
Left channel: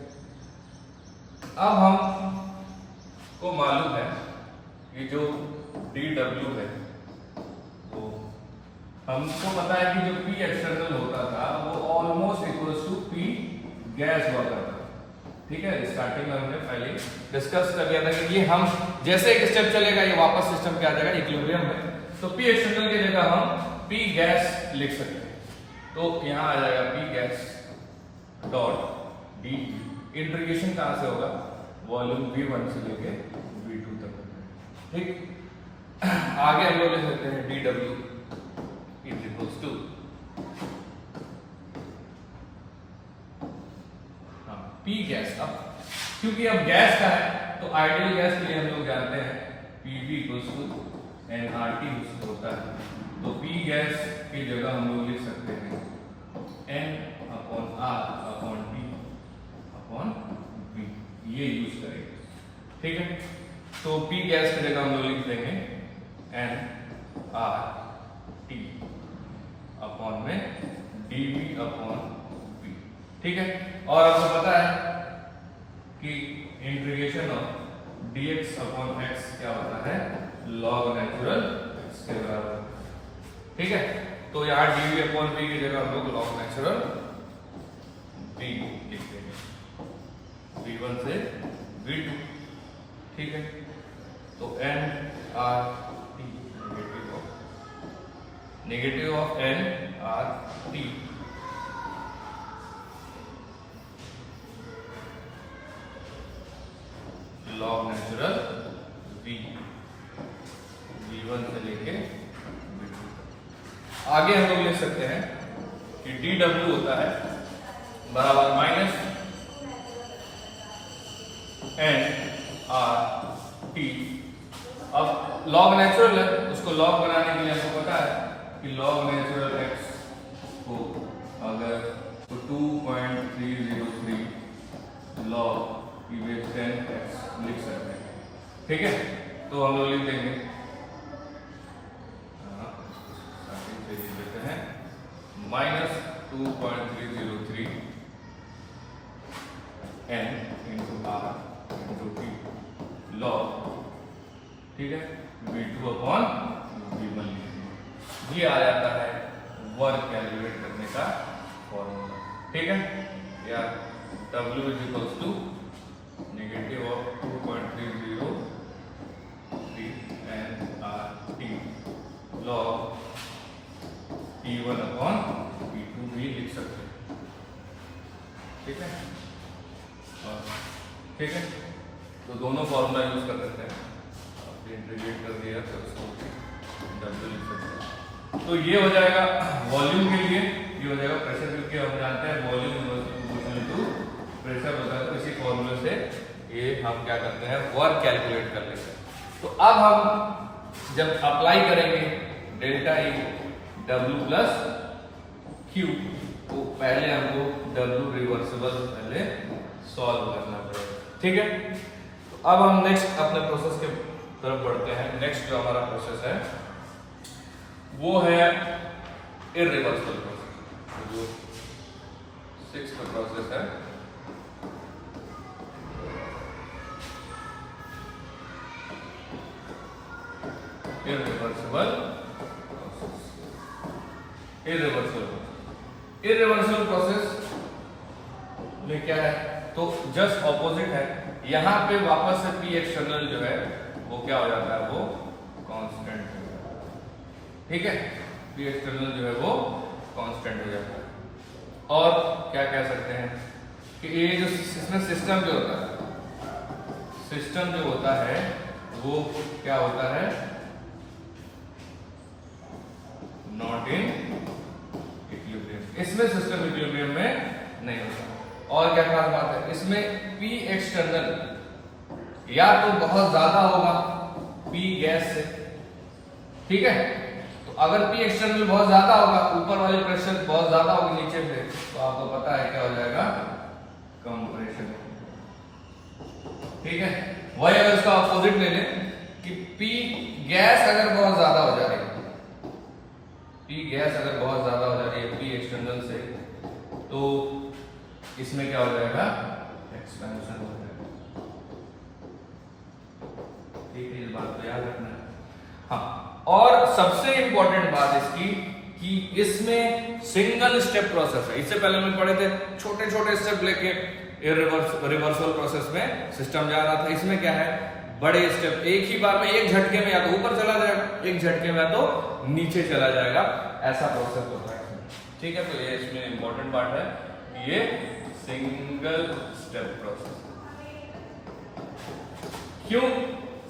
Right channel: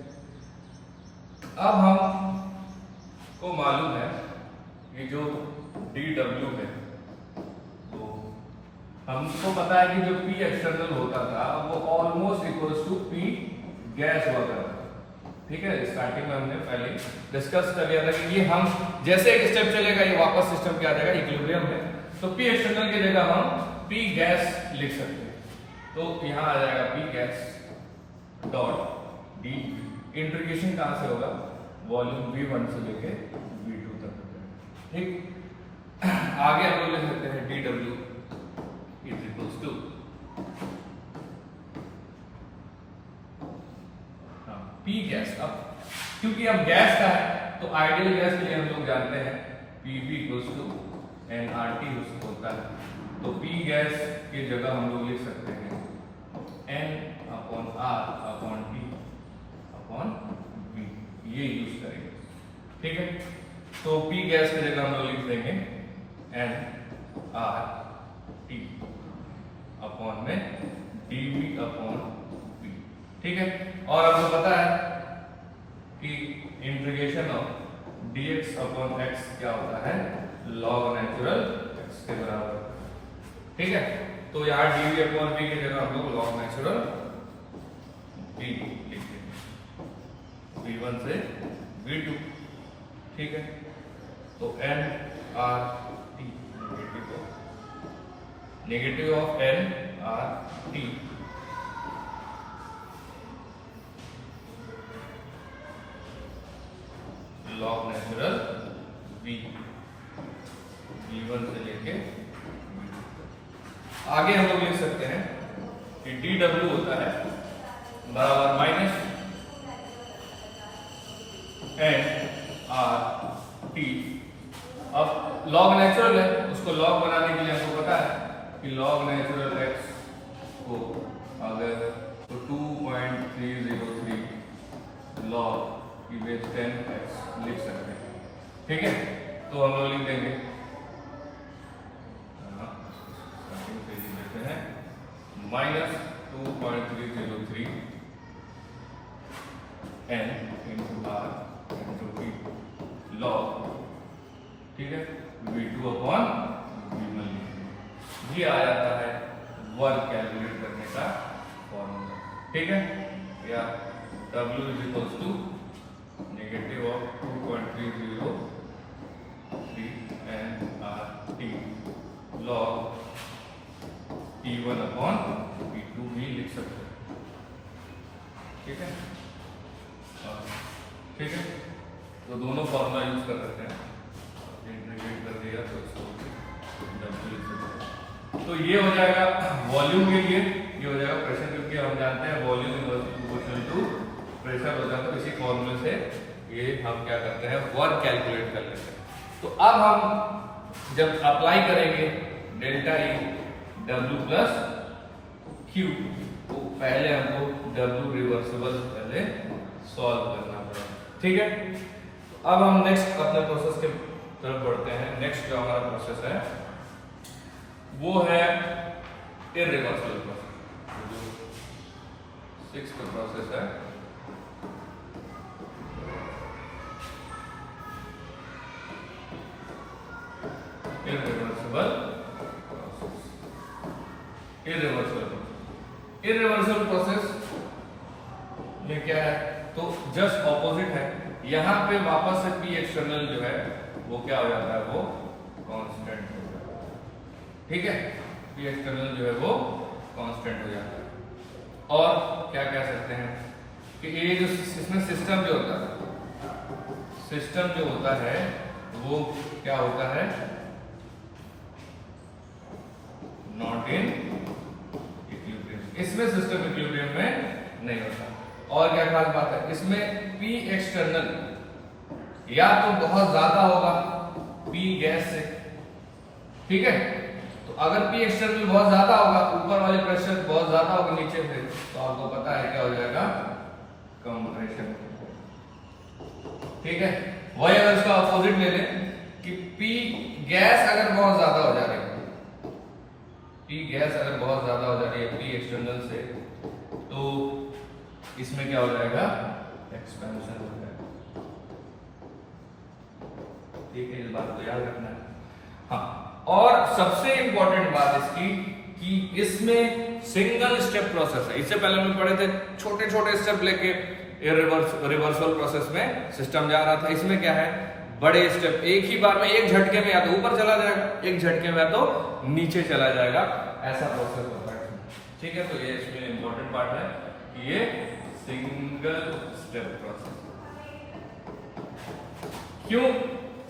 अब हम को मालूम है कि जो dW है वो हमको पता है कि जो P एक्सटर्नल होता था वो almost equals to P gas हुआ करता था, ठीक है। स्टार्टिंग में हमने पहले डिस्कस कर लिया था कि ये हम जैसे एक स्टेप चलेगा ये वापस सिस्टम क्या आ जाएगा, इक्विलिब्रियम में। तो P एक्सटर्नल की जगह हम P गैस लिख सकते हैं। तो यहां आ जाएगा P gas dot D, integration कहां से होगा, वॉल्यूम V1 से लेके V2 तक, ठीक। आगे हम लोग लिख सकते हैं dW is equals to P gas. अब क्योंकि अब गैस का है तो आइडियल गैस के लिए हम लोग जानते हैं PV इक्वल्स टू nRT होता है। तो P गैस की जगह हम लोग लिख सकते हैं N upon R upon T upon V, ये यूज करेंगे, ठीक है। तो P गैस की जगह हम लोग लिख देंगे N R T अपॉन में dV अपॉन V, ठीक है। और आपको पता है कि integration of dx upon x क्या होता है, log नेचुरल x के बराबर, ठीक है। तो यार dV अपॉन V की जगह हम लोग log नेचुरल V लिख देंगे, V1 से V2, ठीक है। तो N R T negative of N R T log natural V, V1 से लेके V2 तक। आगे हम लोग लिख सकते हैं कि dW होता है बराबर माइनस N R T। अब लॉग नेचुरल है, उसको लॉग बनाने के लिए हमको पता है कि लॉग नेचुरल x को अगर तो 2.303 लॉग की बेस 10x लिख सकते हैं, ठीक है। तो हम लोग लिख देंगे, स्टार्टिंग से लिख देते हैं minus 2.303 n into r into t log, ठीक है, V2 अपॉन V1 लिखेंगे। ये आ जाता है वर्क कैलकुलेट करने का फॉर्मूला, ठीक है। या W is equals to negative of 2.303 nRT log P1 upon P2 भी लिख सकते हैं, ठीक है। ठीक है, तो दोनों फॉर्मूला यूज कर सकते हैं, इंटीग्रेट कर दिया तो इसको W लिख सकते हैं। तो ये हो जाएगा वॉल्यूम के लिए, ये हो जाएगा प्रेशर, क्योंकि हम जानते हैं volume inversely proportional to pressure होता है। तो इसी फॉर्मूले से ये हम क्या करते हैं, वर्क कैलकुलेट कर लेते हैं। तो अब हम जब अप्लाई करेंगे delta E W plus Q, तो पहले हमको W रिवर्सिबल पहले सॉल्व करना पड़ेगा, ठीक है। तो अब हम नेक्स्ट अपने प्रोसेस के तरफ बढ़ते हैं। नेक्स्ट जो हमारा प्रोसेस है वो है इररिवर्सिबल प्रोसेस, जो 6th प्रोसेस है। इररिवर्सिबल प्रोसेस में क्या है, तो जस्ट ऑपोजिट है। यहां पे वापस से P एक्सटर्नल जो है वो क्या हो जाता है, वो कांस्टेंट हो जाता है, ठीक है। P एक्सटर्नल जो है वो कांस्टेंट हो जाता है। और क्या कह सकते हैं कि ये जो इसमें सिस्टम जो होता है, सिस्टम जो होता है वो क्या होता है, नॉट इन इक्विलिब्रियम। इसमें सिस्टम इक्विलिब्रियम में नहीं होता। और क्या खास बात है, इसमें P एक्सटर्नल या तो बहुत ज्यादा होगा, P पी गैस से, ठीक है। तो अगर पी एक्सटर्नल बहुत ज्यादा होगा, ऊपर वाले प्रेशर बहुत ज्यादा होगी नीचे से, तो आपको पता है क्या हो जाएगा, कंप्रेशन, ठीक है। वही अगर उसका अपोजिट ले लें कि पी गैस अगर बहुत ज्यादा हो जा रही है, पी गैस अगर बहुत ज्यादा हो जा रही है पी एक्सटर्नल से, तो इसमें क्या हो जाएगा, एक्सपेंशन हो जाएगा, ठीक है। इस बात को याद रखना है। हाँ, और सबसे इंपॉर्टेंट बात इसकी कि इसमें सिंगल स्टेप प्रोसेस है। इससे पहले हम पढ़े थे छोटे छोटे स्टेप लेके रिवर्सल प्रोसेस में सिस्टम जा रहा था। इसमें क्या है, बड़े स्टेप, एक ही बार में एक झटके में या तो ऊपर चला जाएगा, एक झटके में या तो नीचे चला जाएगा, ऐसा प्रोसेस होता है, ठीक है। तो ये इसमें इंपॉर्टेंट पार्ट है, ये सिंगल स्टेप प्रोसेस। क्यों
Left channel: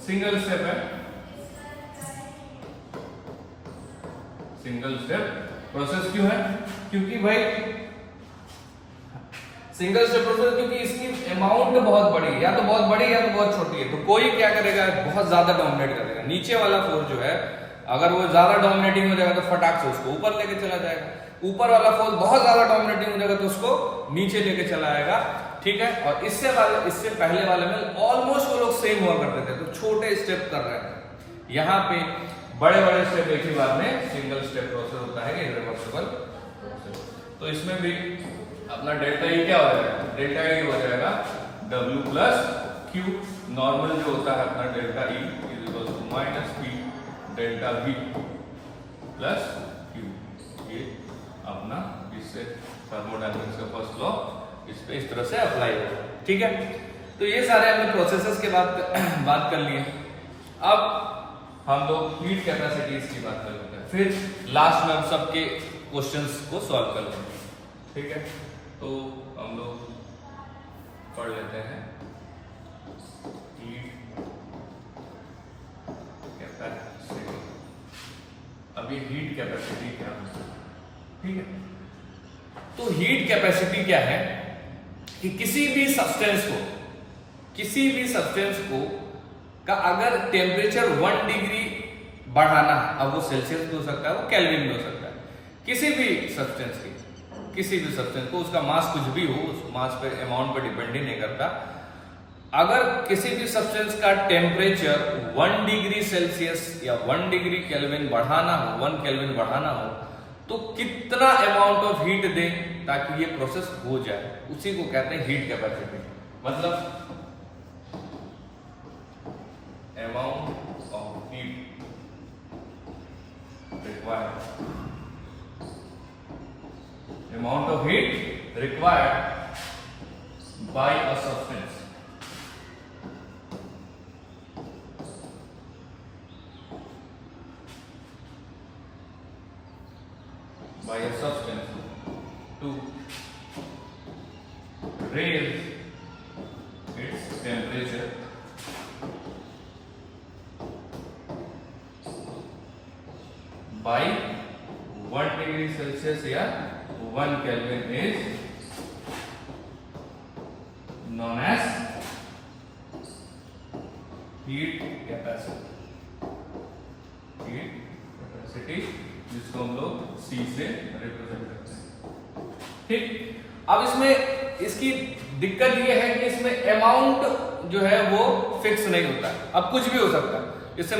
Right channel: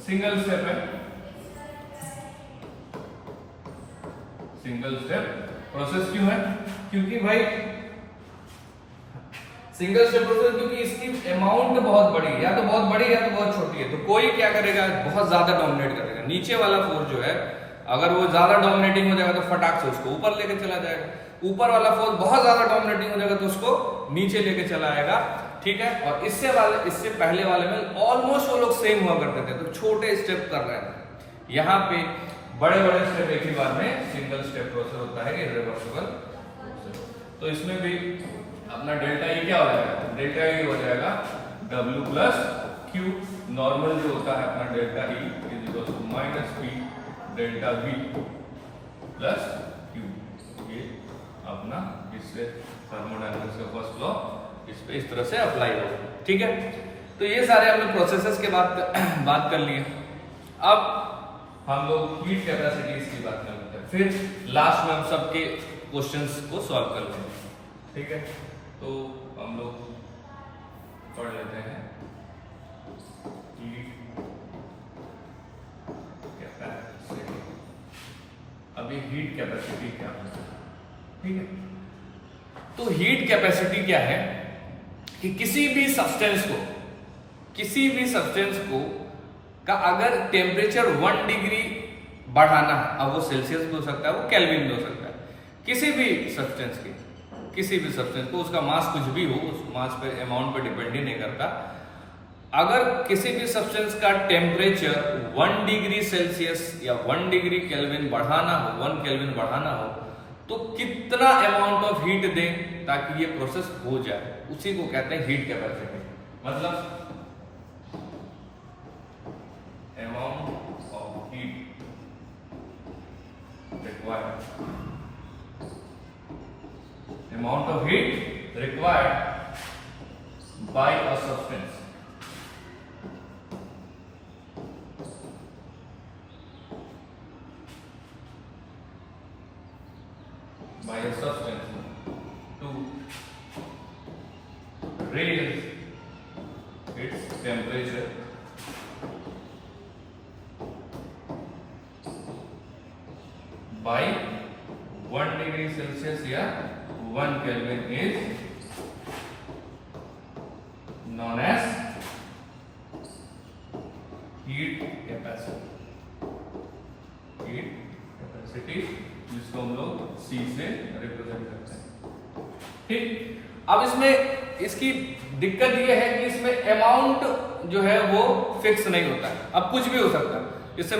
सिंगल स्टेप है, सिंगल स्टेप प्रोसेस क्यों है, क्योंकि भाई सिंगल स्टेप प्रोसेस, क्योंकि इसकी अमाउंट बहुत बड़ी है, या तो बहुत बड़ी या तो बहुत छोटी है। तो कोई क्या करेगा, बहुत ज्यादा डोमिनेट कर देगा, नीचे वाला फोर्स जो है अगर वो ज्यादा डोमिनेटिंग हो जाएगा तो फटाक से उसको ऊपर लेके चला जाएगा, ऊपर वाला फोर्स बहुत ज्यादा डोमिनेटिंग हो जाएगा तो उसको नीचे लेके चला आएगा, ठीक है। और इससे पहले वाले में ऑलमोस्ट वो लोग सेम हुआ करते थे, तो छोटे स्टेप कर रहे हैं। यहाँ पे बड़े बड़े स्टेप एक ही बार में सिंगल स्टेप प्रोसेस होता है, इरिवर्सिबल प्रोसेस। तो इसमें भी अपना डेल्टा ई क्या हो जाएगा, डेल्टा ई हो जाएगा W प्लस Q, नॉर्मल जो होता है अपना delta E is equal to minus P delta V plus Q। ये अपना इससे थर्मोडायनेमिक्स का फर्स्ट लॉ इस पे इस तरह से अप्लाई होगा, ठीक है। तो ये सारे हम लोग प्रोसेसेस के बात कर लिए। अब हम लोग हीट कैपेसिटीज की बात कर लेते हैं, फिर लास्ट में हम सबके क्वेश्चंस को सॉल्व कर लेंगे, ठीक है। तो हम लोग पढ़ लेते हैं हीट कैपेसिटी। अभी हीट कैपेसिटी क्या होता है, ठीक है। तो हीट कैपेसिटी क्या है कि किसी भी सब्सटेंस को का अगर टेम्परेचर 1 डिग्री बढ़ाना है, अब वो सेल्सियस भी हो सकता है, वो केल्विन भी हो सकता है, किसी भी सब्सटेंस को उसका मास कुछ भी हो, उस मास पे अमाउंट पे डिपेंड ही नहीं करता। अगर किसी भी सब्सटेंस का टेम्परेचर 1 डिग्री सेल्सियस या 1 डिग्री केल्विन बढ़ाना हो, 1 केल्विन बढ़ाना हो, तो कितना अमाउंट ऑफ हीट दें ताकि ये प्रोसेस हो जाए, उसी को कहते हैं हीट कैपेसिटी। मतलब amount of heat required by a substance to raise its temperature by 1 degree Celsius या 1 Kelvin is known as heat capacity, जिसको हम लोग C से रिप्रेजेंट करते हैं, ठीक। अब इसमें इसकी दिक्कत ये है कि इसमें अमाउंट जो है वो फिक्स नहीं होता है, अब कुछ भी हो सकता है। जैसे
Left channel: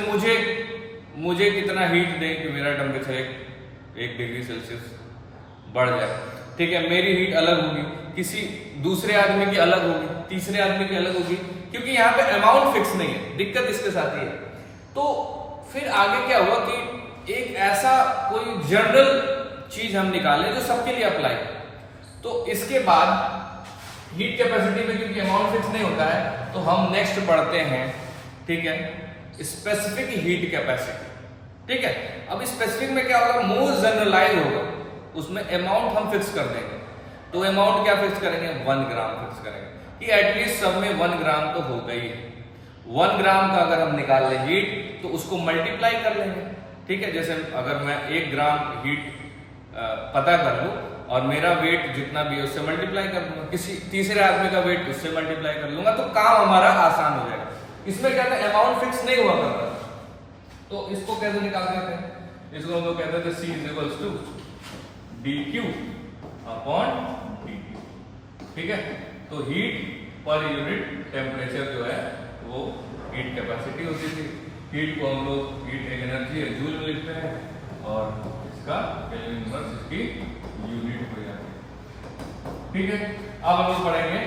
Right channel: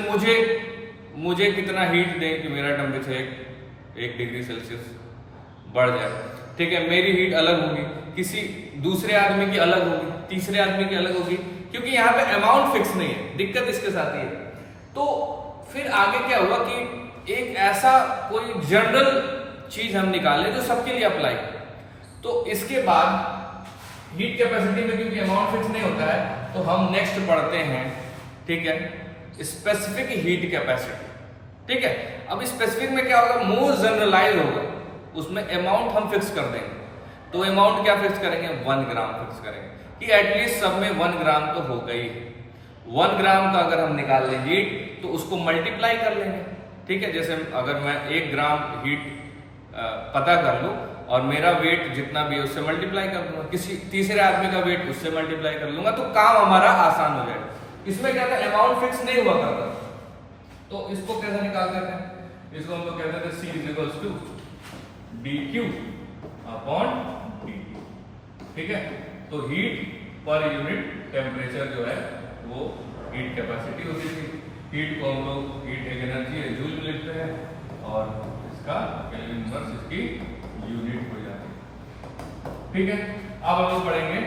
मुझे कितना हीट दें कि मेरा टेम्परेचर 1 डिग्री सेल्सियस बढ़ जाए, ठीक है। मेरी हीट अलग होगी, किसी दूसरे आदमी की अलग होगी, तीसरे आदमी की अलग होगी, क्योंकि यहाँ पे अमाउंट फिक्स नहीं है। दिक्कत इसके साथ ही है। तो फिर आगे क्या हुआ कि एक ऐसा कोई जनरल चीज हम निकालें जो सबके लिए अप्लाई। तो इसके बाद हीट कैपेसिटी में क्योंकि अमाउंट फिक्स नहीं होता है, तो हम नेक्स्ट पढ़ते हैं, ठीक है, स्पेसिफिक हीट कैपेसिटी, ठीक है। अब स्पेसिफिक में क्या होगा, मोर जनरलाइज होगा, उसमें अमाउंट हम फिक्स कर देंगे। तो अमाउंट क्या फिक्स करेंगे, 1 ग्राम फिक्स करेंगे कि एटलीस्ट सब में 1 ग्राम तो होगा ही। 1 ग्राम का अगर हम निकाल लें हीट, तो उसको मल्टीप्लाई कर लेंगे, ठीक है। जैसे अगर मैं 1 ग्राम हीट पता कर लूं और मेरा वेट जितना भी है उससे मल्टीप्लाई कर दूंगा, किसी तीसरे आदमी का वेट उससे मल्टीप्लाई कर लूंगा, तो काम हमारा आसान हो जाएगा। इसमें क्या था, अमाउंट फिक्स नहीं हुआ करता, तो इसको कैसे निकाल सकते हैं? इसको हम लोग कहते थे C equals to dQ upon dt, ठीक है। तो हीट पर यूनिट टेम्परेचर जो है वो हीट कैपेसिटी होती थी। हीट को हम लोग, हीट एक एनर्जी है, जूल में लिखते हैं, और इसका केल्विन इनवर्स इसकी यूनिट हो जाती है, ठीक है। अब हम लोग पढ़ेंगे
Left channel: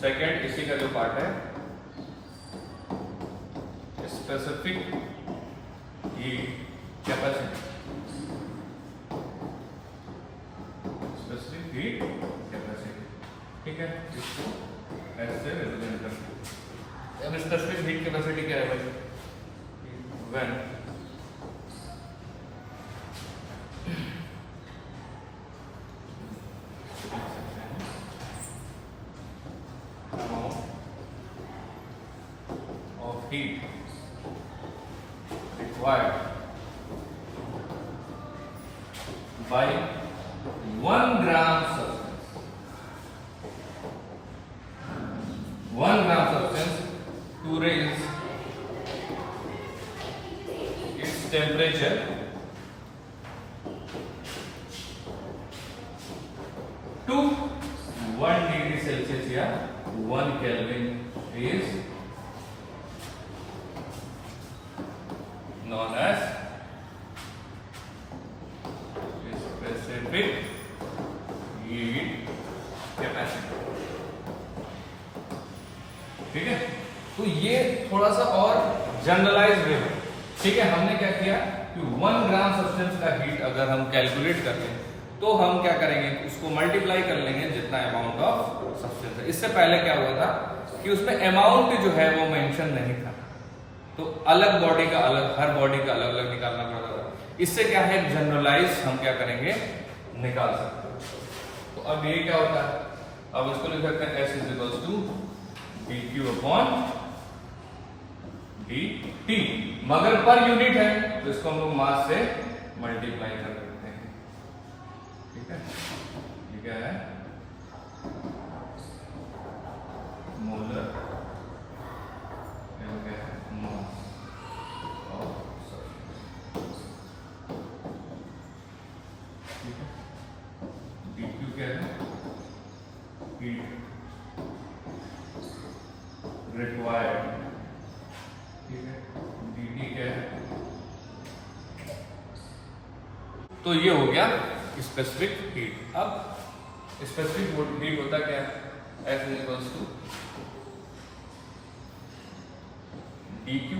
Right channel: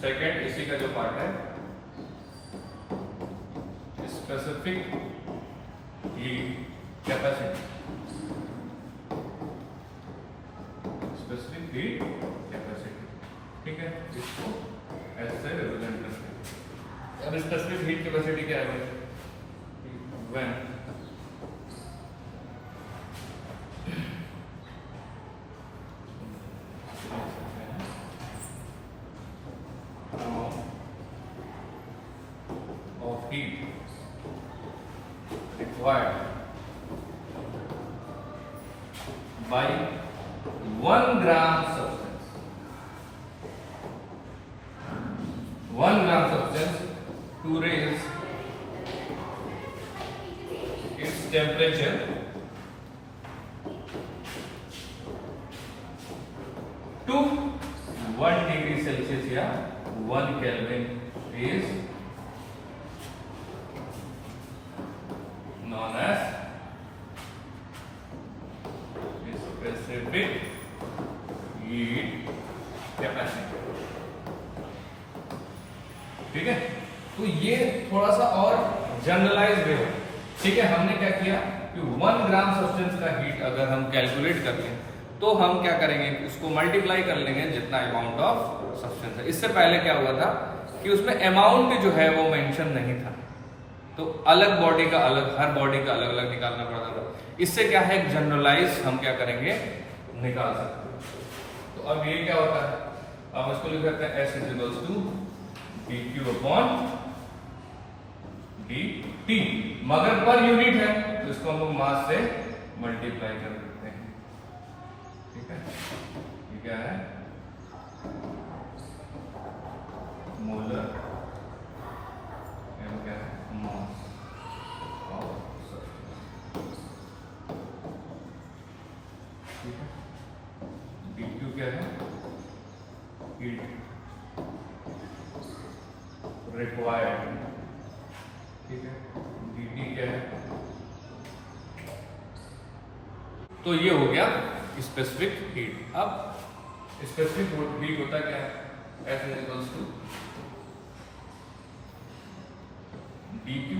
सेकेंड, इसी का जो पार्ट है specific heat capacity. Specific heat capacity, ठीक है, इसको ऐसे रिप्रेजेंट करते हैं। अब स्पेसिफिक हीट कैपेसिटी क्या है भाई? When of heat required by 1 gram substance, 1 gram substance to raise its temperature to 1 degree Celsius या 1 Kelvin is known as specific heat capacity, ठीक है। तो ये थोड़ा सा और जनरलाइज वे है, ठीक है। हमने क्या किया कि 1 ग्राम सब्सटेंस का हीट अगर हम कैलकुलेट कर लें तो हम क्या करेंगे, उसको मल्टीप्लाई कर लेंगे जितना अमाउंट ऑफ सब्सटेंस है। इससे पहले क्या हुआ था कि उसमें अमाउंट जो है वो मेंशन नहीं था, तो अलग बॉडी का अलग, हर बॉडी का अलग अलग निकालना पड़ता था। इससे क्या है, जनरलाइज हम क्या करेंगे, निकाल सकते हैं। तो अब ये क्या होता है, अब इसको लिख सकते हैं S equals to dQ upon dt, मगर पर यूनिट है तो इसको हम लोग मास से मल्टीप्लाई कर देते हैं, ठीक है। ये क्या है, मोलर, क्या है, मास ऑफ सब्सटेंस, ठीक है। dQ क्या है, हीट रिक्वायर्ड, ठीक है। dt क्या है, तो ये हो गया स्पेसिफिक हीट। अब स्पेसिफिक हीट होता क्या है, S equals to dQ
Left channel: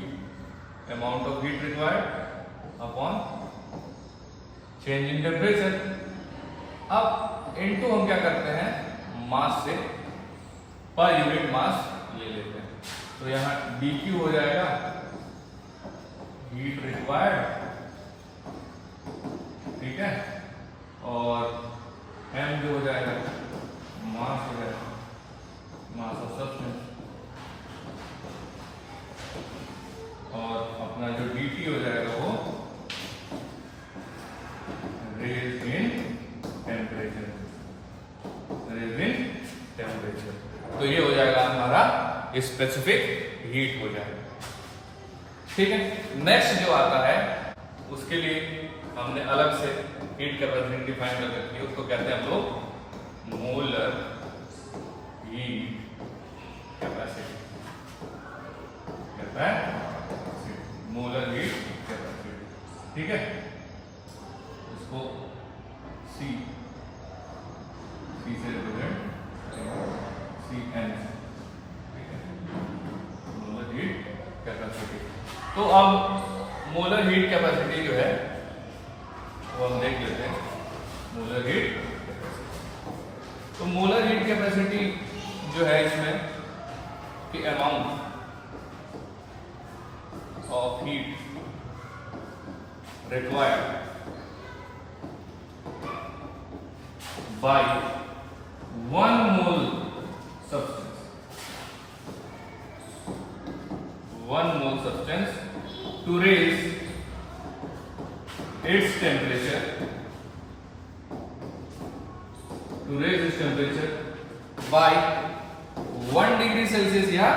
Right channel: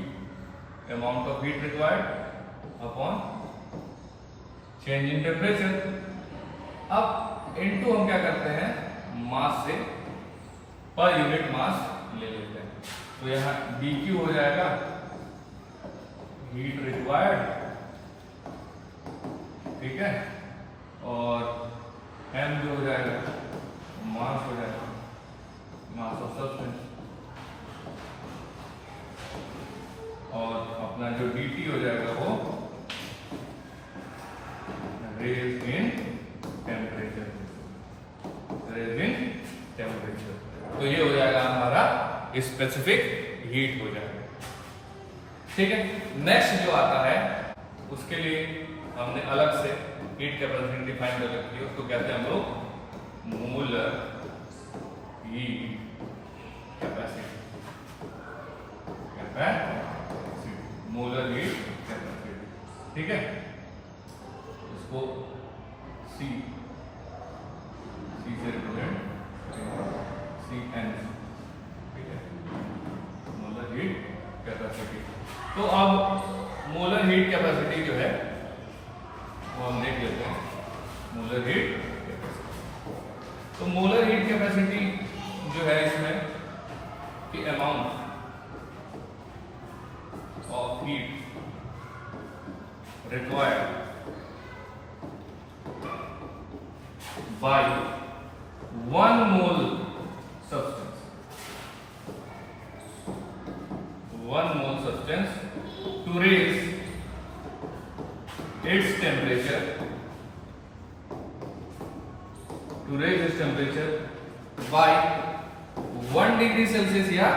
amount of heat required upon change in temperature. अब इनटू हम क्या करते हैं, मास से पर यूनिट मास ले लेते हैं। तो यहाँ dQ हो जाएगा हीट रिक्वायर्ड, ठीक है, और m जो हो जाएगा मास हो जाएगा, मास ऑफ सब्सटेंस, और अपना जो dt हो जाएगा वो raise in temperature, raise in temperature. तो ये हो जाएगा हमारा स्पेसिफिक हीट हो जाएगा, ठीक है। नेक्स्ट जो आता है उसके लिए हमने अलग से हीट कैपेसिटी डिफाइन कर रखी है, उसको कहते हैं हम लोग मोलर हीट कैपेसिटी, कहते हैं मोलर हीट कैपेसिटी, ठीक है। इसको C से रिप्रेजेंट CN, ठीक है, मोलर हीट कैपेसिटी। तो अब मोलर हीट कैपेसिटी जो है वो हम देख लेते हैं, मोलर हीट। तो मोलर हीट कैपेसिटी जो है इसमें कि amount of heat required by 1 mole substance, 1 mole substance to raise its temperature, by 1 degree Celsius या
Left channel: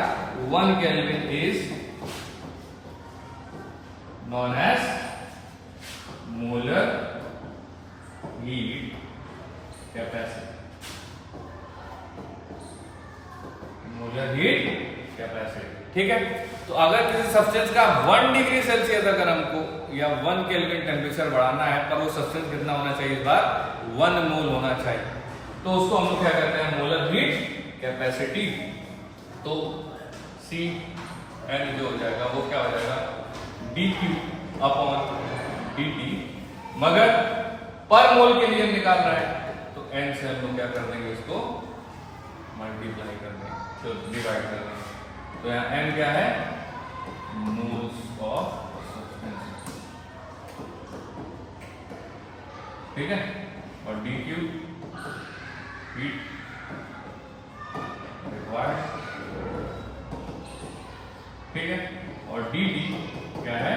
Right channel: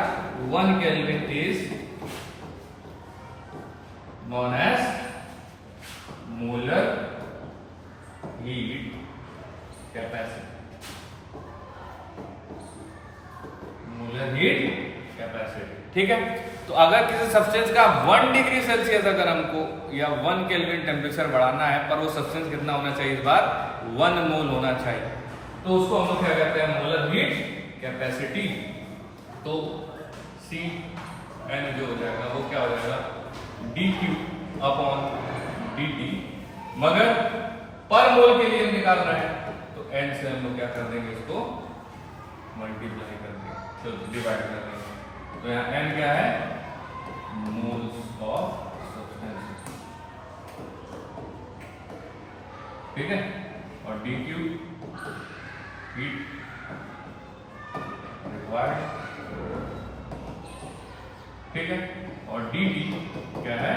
1 Kelvin is known as molar heat capacity, molar heat capacity. ठीक है, तो अगर किसी सब्सटेंस का 1 डिग्री सेल्सियस अगर हमको या 1 केल्विन टेम्परेचर बढ़ाना है, पर वो सब्सटेंस कितना होना चाहिए इस बार 1 मोल होना चाहिए, तो उसको हम लोग क्या कहते हैं मोलर हीट कैपेसिटी। तो सी एन जो हो जाएगा वो क्या हो जाएगा dQ अपॉन dt, मगर पर मोल के लिए हम निकाल रहे हैं तो n से हम लोग क्या कर देंगे इसको मल्टीप्लाई कर देंगे, तो डिवाइड कर देंगे। तो यहाँ n क्या है मोल्स ऑफ सब्सटेंस, ठीक है, और dQ हीट रिक्वायर्ड, ठीक है, और dt क्या है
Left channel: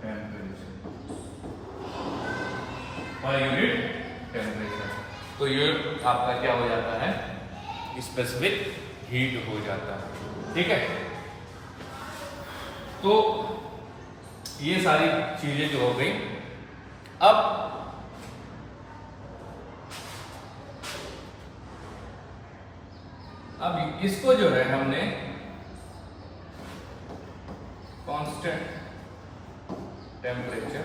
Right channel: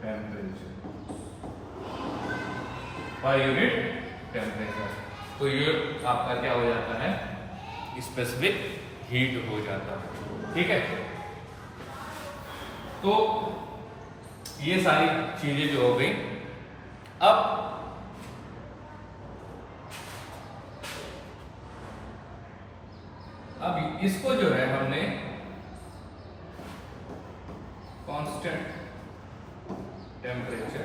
टेम्परेचर पर यूनिट टेम्परेचर। तो ये आपका क्या हो जाता है स्पेसिफिक हीट हो जाता है। ठीक है, तो ये सारी चीजें जो हो गई। अब इसको जो है हमने कांस्टेंट टेम्परेचर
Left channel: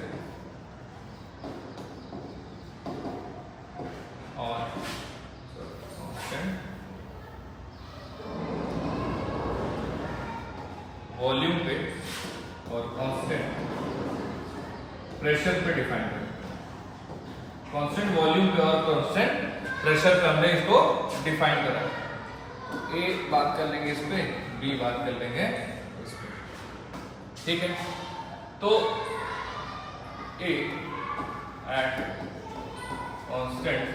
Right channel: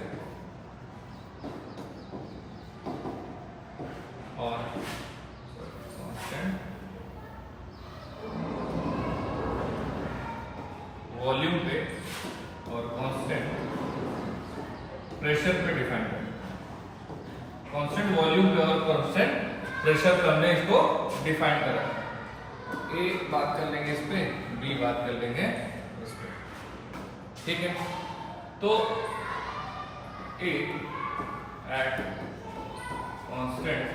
और कांस्टेंट वॉल्यूम पे और कांस्टेंट प्रेशर पे डिफाइन करें। कांस्टेंट वॉल्यूम पे और कांस्टेंट प्रेशर पे हमने इसको डिफाइन करा। ए बात कर लेंगे इस पे, बी बात कर लेंगे इस पे, ठीक है। तो ए एट कांस्टेंट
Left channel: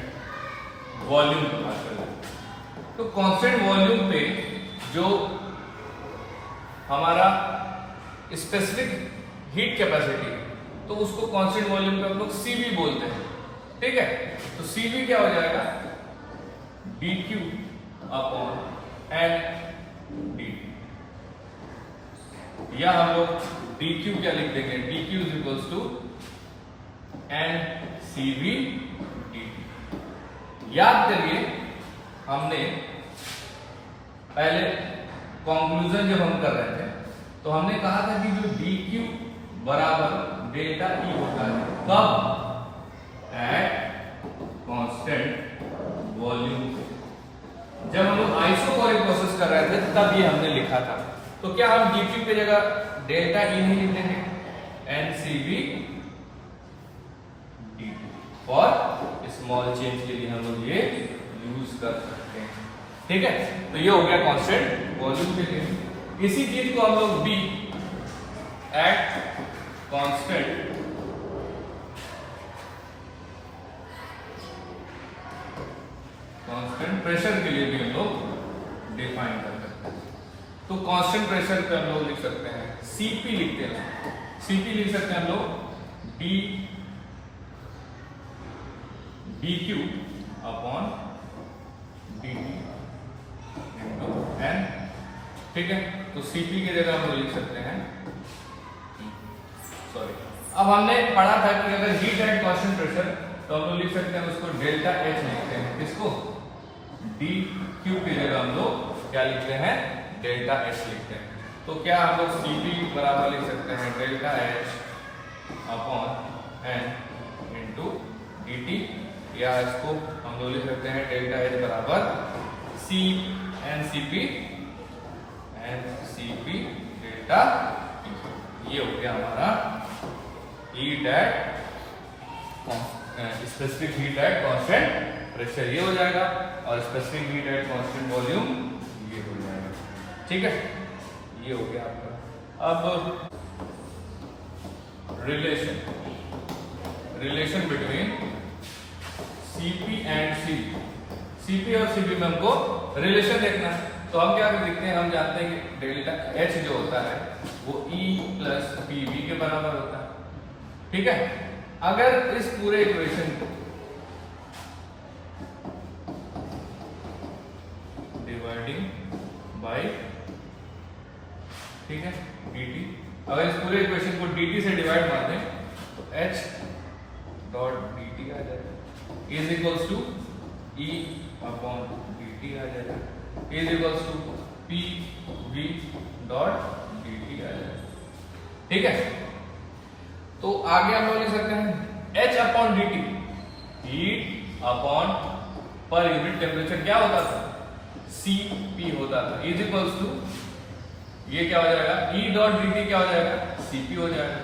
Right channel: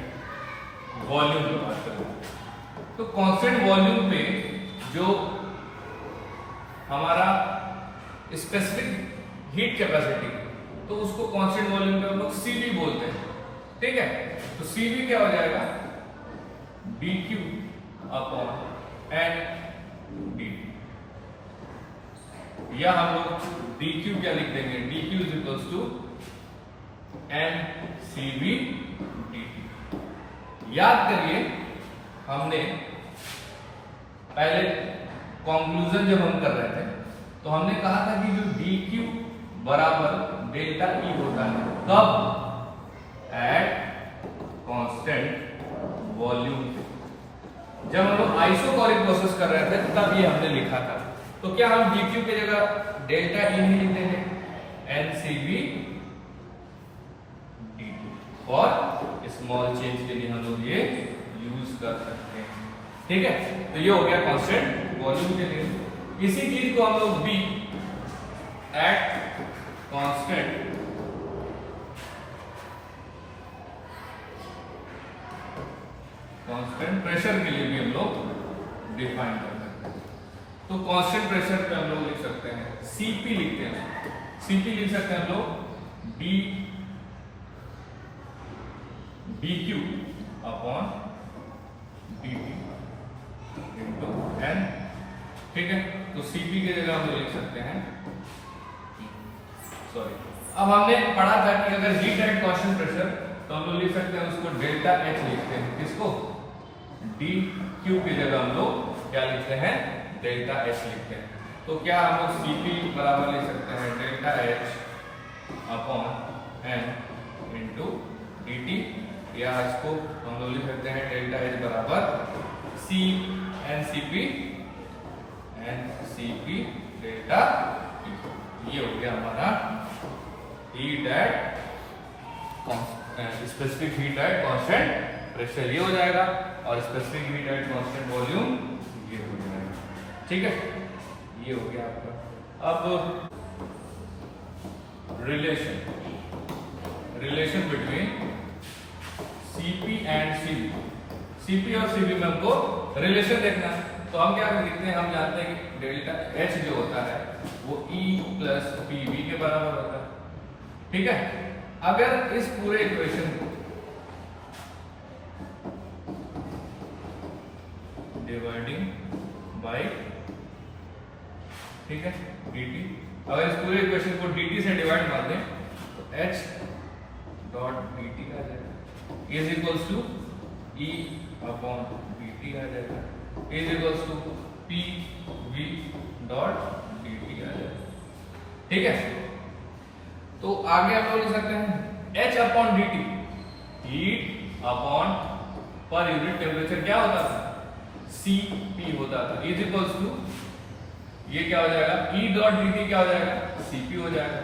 वॉल्यूम पे बात कर लेंगे। तो कांस्टेंट वॉल्यूम पे जो हमारा स्पेसिफिक हीट कैपेसिटी है तो उसको कांस्टेंट वॉल्यूम पे हम लोग CV बोलते हैं, ठीक है। तो CV क्या हो जाएगा dQ अपॉन n dt, या हम लोग dQ क्या लिख देंगे dQ is equals to n CV dt। याद करिए हमने पहले कंक्लूजन जब हम कर रहे थे तो हमने कहा था कि जो dQ बराबर डेल्टा E होता है कब एट कांस्टेंट वॉल्यूम। जब हम लोग आइसोकोरिक प्रोसेस कर रहे थे तब ये हमने लिखा था। तो क्या हम dQ की जगह डेल्टा E नहीं लिख देंगे NCV dt, और स्मॉल चेंज के लिए हम लोग ये यूज कर सकते हैं, ठीक है। तो ये हो गया कांस्टेंट वॉल्यूम के लिए। इसी चीज को हम लोग B एट कांस्टेंट प्रेशर के लिए भी हम लोग डिफाइन कर सकते हैं। तो कांस्टेंट प्रेशर पे हम लोग लिख सकते हैं CP लिखते हैं, CP लिख सकते हैं हम लोग dQ upon dt into n, ठीक है। तो CP की जगह हम लोग लिख सकते हैं सॉरी, अब हमने पढ़ा था कि अगर हीट एट कांस्टेंट प्रेशर तो हम लोग लिख सकते हैं उसको डेल्टा H लिखते हैं, किसको dQ की जगह हम लोग क्या लिखते हैं डेल्टा H लिखते हैं। तो क्या हम लोग CP बराबर लिख सकते हैं delta H upon n into dt, या इसको हम लोग लिख सकते हैं डेल्टा H बराबर C NCP डेल्टा E। ये हो गया हमारा heat at specific heat at constant pressure, ये हो जाएगा, और specific heat at constant volume ये हो जाएगा, ठीक है। ये हो गया आपका। अब relation between CP and CV, CP और CV में हमको रिलेशन देखना है। तो हम क्या देखते हैं, हम जानते हैं कि डेल्टा H जो होता है वो E प्लस PV के बराबर होता है, ठीक है। अगर इस पूरे इक्वेशन को डिवाइडिंग बाय, ठीक है, dt, अगर इस पूरे इक्वेशन को dt से डिवाइड मार दें तो h डॉट dt आ जाएगा is equals to e upon dt आ जाएगा is equals to p v dot dt आ जाएगा। ठीक है, तो आगे हम लोग लिख सकते हैं h upon dt, heat upon per unit temperature क्या होता था, Cp होता था, इज इक्वल्स टू ये क्या हो जाएगा E डॉट dt क्या हो जाएगा Cp हो जाएगा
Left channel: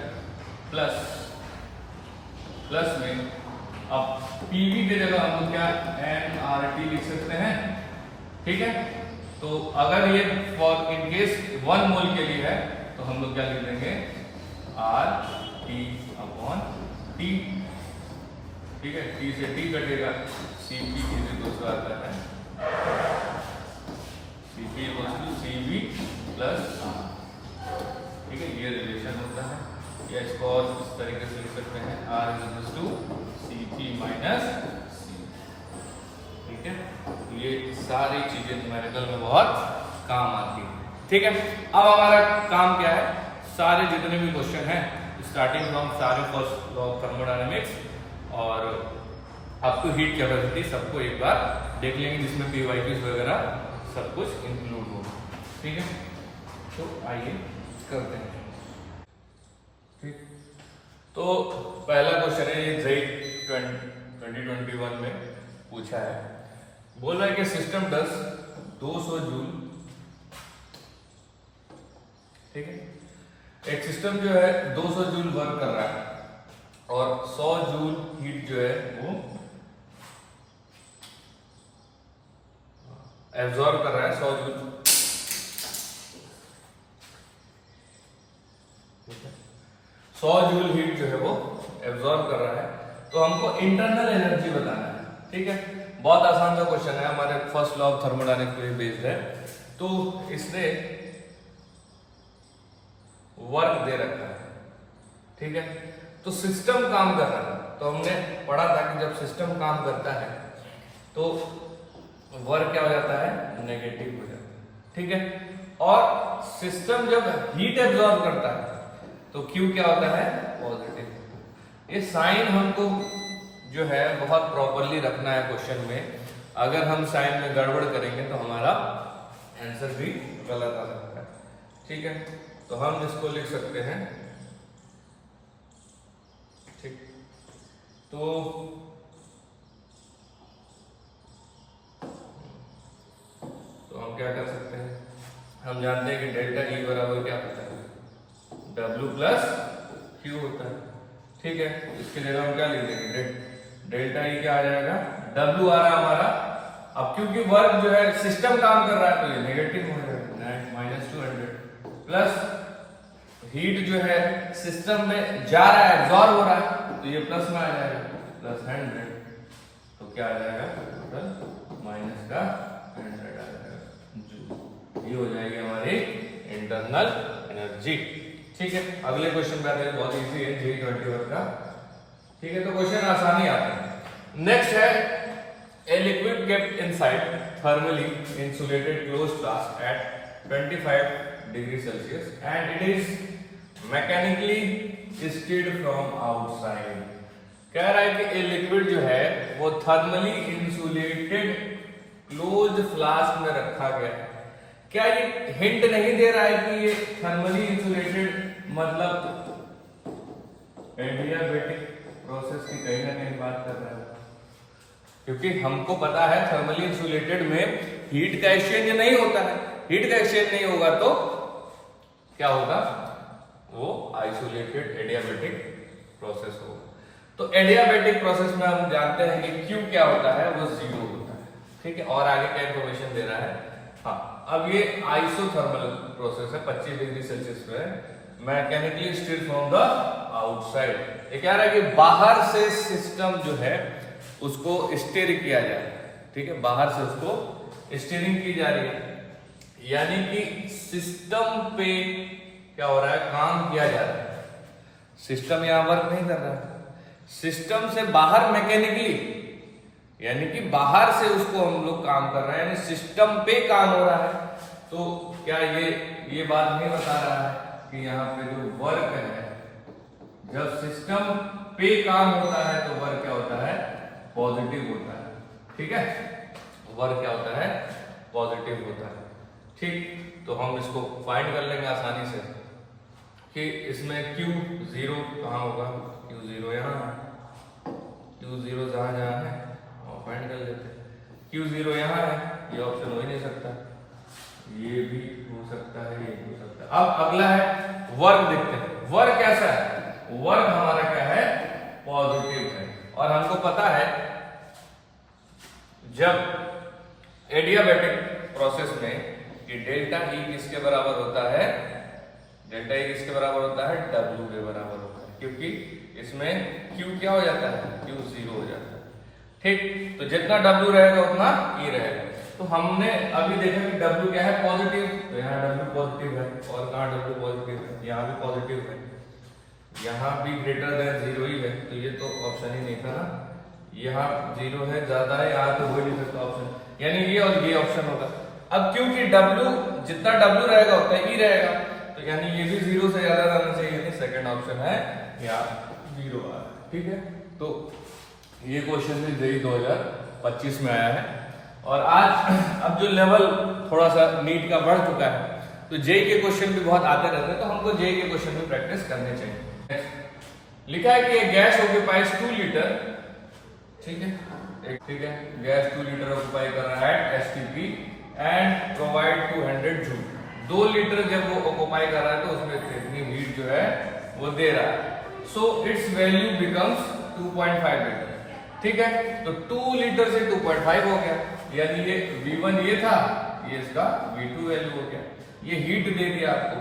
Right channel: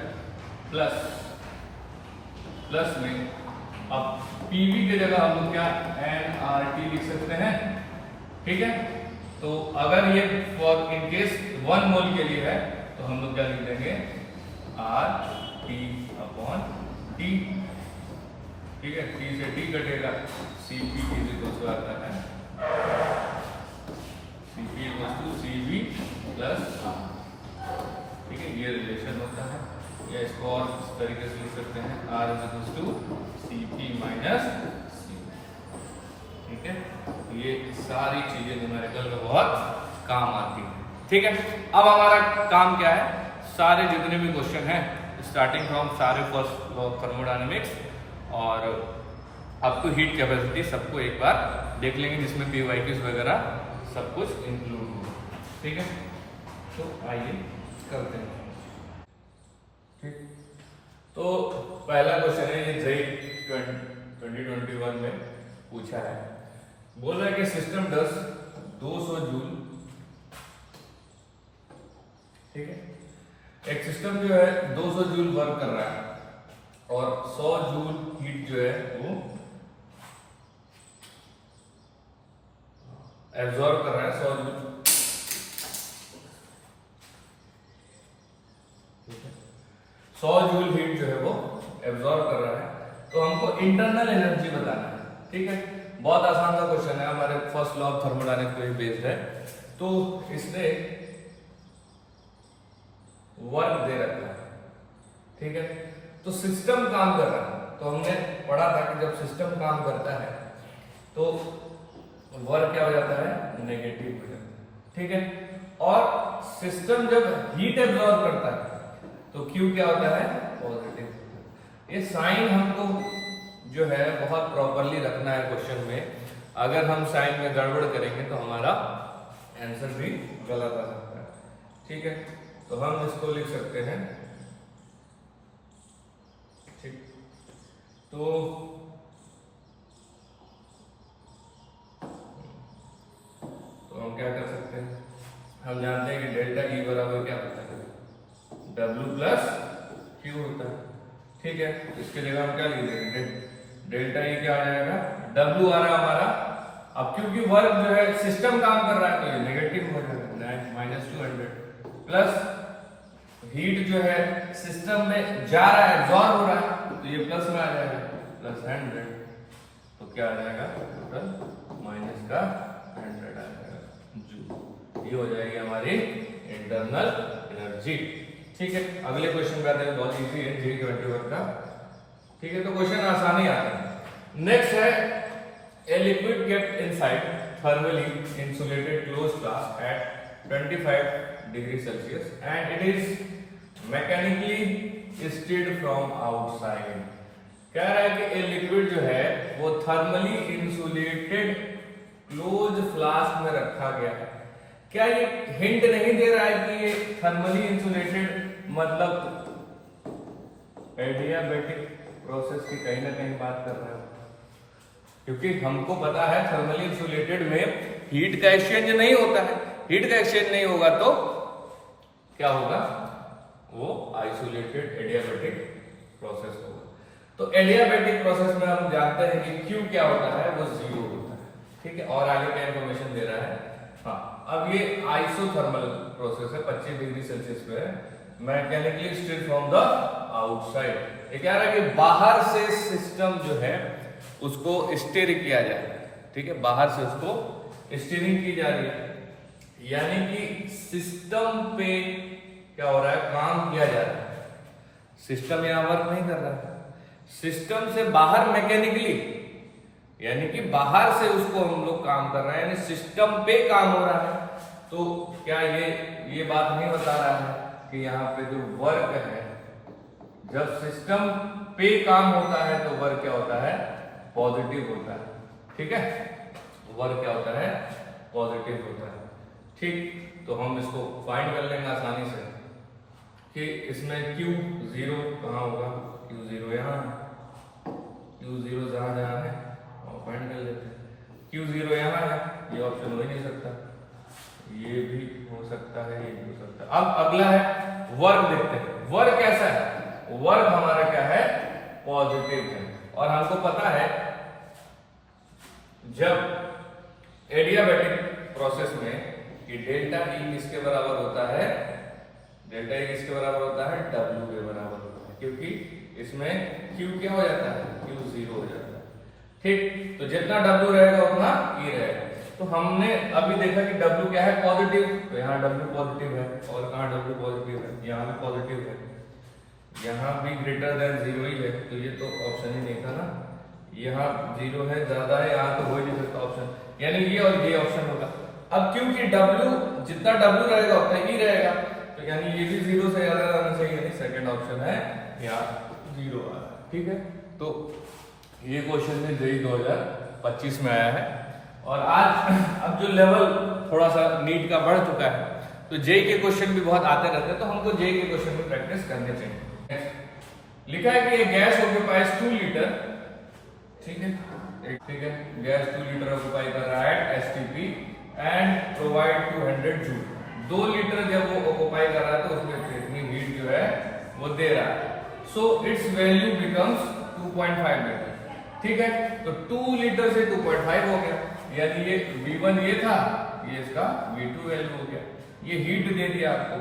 प्लस में अब Pv की जगह हम लोग क्या nRT लिख सकते हैं। ठीक है, तो अगर ये फॉर इन केस 1 मोल के लिए है तो हम लोग क्या लिख देंगे RT अपॉन T। ठीक है, T से T कटेगा, Cp दूसरा आता है Cp Cv प्लस R। ठीक है, ये रिलेशन होता है, या इसको और इस तरीके से लिख सकते हैं R is to Cp minus C। ठीक है, ये सारी चीजें न्यूमेरिकल में बहुत काम आती है। ठीक है, अब हमारा काम क्या है, सारे जितने भी क्वेश्चन हैं स्टार्टिंग फ्रॉम सारे फर्स्ट लॉ ऑफ थर्मोडायनेमिक्स और अप टू हीट कैपेसिटी सबको एक बार देख लेंगे, जिसमें PYQs वगैरह सब कुछ इंक्लूड होगा। ठीक है, तो आइए करते हैं। ठीक, तो पहला क्वेश्चन है, ये JEE 2021 में पूछा है, बोल रहा है कि सिस्टम डस 200 जूल। ठीक है, एक सिस्टम जो है 200 जूल वर्क कर रहा है और 100 जूल हीट जो है वो एब्जॉर्ब कर रहा है 100 जूल। 100 जूल हीट जो है वो एब्जॉर्ब कर रहा है, तो हमको इंटरनल एनर्जी बताना है। ठीक है, बहुत आसान सा क्वेश्चन है, हमारे फर्स्ट लॉ ऑफ थर्मोडायनेमिक्स पे बेस्ड है। तो इसने वर्क दे रखा है। ठीक है, तो सिस्टम काम कर रहा है, तो हमने पढ़ा था कि जब सिस्टम काम करता है तो वर्क क्या हो जाता है, नेगेटिव हो जाता है। ठीक है, और सिस्टम जब हीट एब्जॉर्ब करता है तो Q क्या होता है, पॉजिटिव। ये साइन हमको जो है बहुत प्रॉपरली रखना है क्वेश्चन में, अगर हम साइन में गड़बड़ करेंगे तो हमारा आंसर भी गलत आ सकता है। ठीक है, तो हम इसको लिख सकते हैं। ठीक, तो हम क्या कर सकते हैं, हम जानते हैं कि डेल्टा E बराबर क्या होता है, W प्लस Q होता है। ठीक है, इसके जगह हम क्या लिख देंगे, डेल्टा E क्या आ जाएगा, W आ रहा हमारा। अब क्योंकि वर्क जो है सिस्टम काम कर रहा है तो ये नेगेटिव हो जाएगा, -200 प्लस हीट जो है सिस्टम में जा रहा है, एब्जॉर्ब हो रहा है, तो ये प्लस में आ जाएगा +100, तो क्या आ जाएगा टोटल माइनस का 100 आ जाएगा जूल। ये हो जाएगी हमारी इंटरनल एनर्जी। ठीक है, अगले क्वेश्चन पे आते हैं, बहुत इजी है, JEE 21 का। ठीक है, तो क्वेश्चन आसानी आते हैं। नेक्स्ट है, a liquid kept inside thermally insulated closed flask at 25 degree Celsius and it is mechanically stirred from outside. कह रहा है कि ए लिक्विड जो है वो थर्मली इंसुलेटेड क्लोज्ड फ्लास्क में रखा गया है। क्या ये हिंट नहीं दे रहा है कि ये थर्मली इंसुलेटेड मतलब एडियाबेटिक प्रोसेस की कहीं ना कहीं बात कर रहे हो? क्योंकि हमको पता है थर्मली इंसुलेटेड में हीट का एक्सचेंज नहीं होता है, हीट का एक्सचेंज नहीं होगा तो क्या होगा, वो आइसोलेटेड एडियाबेटिक प्रोसेस होगा। तो एडियाबेटिक प्रोसेस में हम जानते हैं कि Q क्या होता है, वो 0 होता है। ठीक है, और आगे क्या इंफॉर्मेशन दे रहा है, हाँ, अब ये आइसोथर्मल प्रोसेस है, 25 डिग्री सेल्सियस पे, mechanically stirred from the outside. ये कह रहा है कि बाहर से सिस्टम जो है उसको स्टीयर किया जा रहा है। ठीक है, बाहर से उसको स्टीयरिंग की जा रही है, यानी कि सिस्टम पे क्या हो रहा है, काम किया जा रहा है। सिस्टम यहां वर्क नहीं कर रहा है, सिस्टम से बाहर मैकेनिकली, यानी कि बाहर से उसको हम लोग काम कर रहे हैं, यानी सिस्टम पे काम हो रहा है। तो क्या ये बात नहीं बता रहा है कि यहाँ पे जो वर्क है, जब सिस्टम पे काम होता है तो वर्क क्या होता है, पॉजिटिव होता है। ठीक है, वर्क क्या होता है, पॉजिटिव होता है। ठीक, तो हम इसको फाइंड कर लेंगे आसानी से कि इसमें Q0 कहाँ होगा, Q0 यहाँ है, Q0 जहाँ जहाँ है और फाइंड कर लेते हैं। Q0 यहाँ है, ये ऑप्शन हो ही नहीं सकता, ये भी हो सकता है, ये भी हो सकता है। अब अगला है वर्क, देखते हैं वर्क कैसा है। वर्क हमारा क्या है, पॉजिटिव है। और हमको पता है जब एडियाबैटिक प्रोसेस में कि डेल्टा E किसके बराबर होता है, डेल्टा E किसके बराबर होता है, W के बराबर होता है, क्योंकि इसमें Q क्या हो जाता है, Q0 हो जाता है। ठीक, तो जितना W रहेगा उतना E रहेगा। तो हमने अभी देखा कि W क्या है, पॉजिटिव, तो यहाँ W पॉजिटिव है, और कहाँ W पॉजिटिव है, यहाँ भी पॉजिटिव है, यहाँ भी ग्रेटर देन 0 ही है, तो ये तो ऑप्शन ही नहीं था ना, यहाँ 0 है, ज्यादा है, यहाँ तो हो ही नहीं सकता ऑप्शन, यानी ये और ये ऑप्शन होगा। अब क्योंकि W जितना W रहेगा उतना E रहेगा, तो यानी ये भी 0 से ज्यादा रहना चाहिए, यानी सेकंड ऑप्शन है यहाँ 0 आ रहा है। ठीक है, तो ये क्वेश्चन भी जेईई 2025 में आया है। और आज अब जो लेवल थोड़ा सा नीट का बढ़ चुका है, तो जेईई के क्वेश्चन भी बहुत आते रहते हैं, तो हमको जेईई के क्वेश्चन में प्रैक्टिस करने चाहिए। लिखा है कि एक गैस ऑक्यूपाइज 2 लीटर, ठीक है, ठीक है, गैस 2 लीटर ऑक्यूपाई कर रहा है at STP and provide 200 joule. 2 litre जब वो ऑक्यूपाई कर रहा है तो उसमें इतनी हीट जो है वो दे रहा है, so it's value becomes 2.5 litre. ठीक है, तो 2 लीटर से 2.5 हो गया, यानी ये V1 ये था, ये इसका V2 वैल्यू हो गया। ये हीट दे दिया आपको,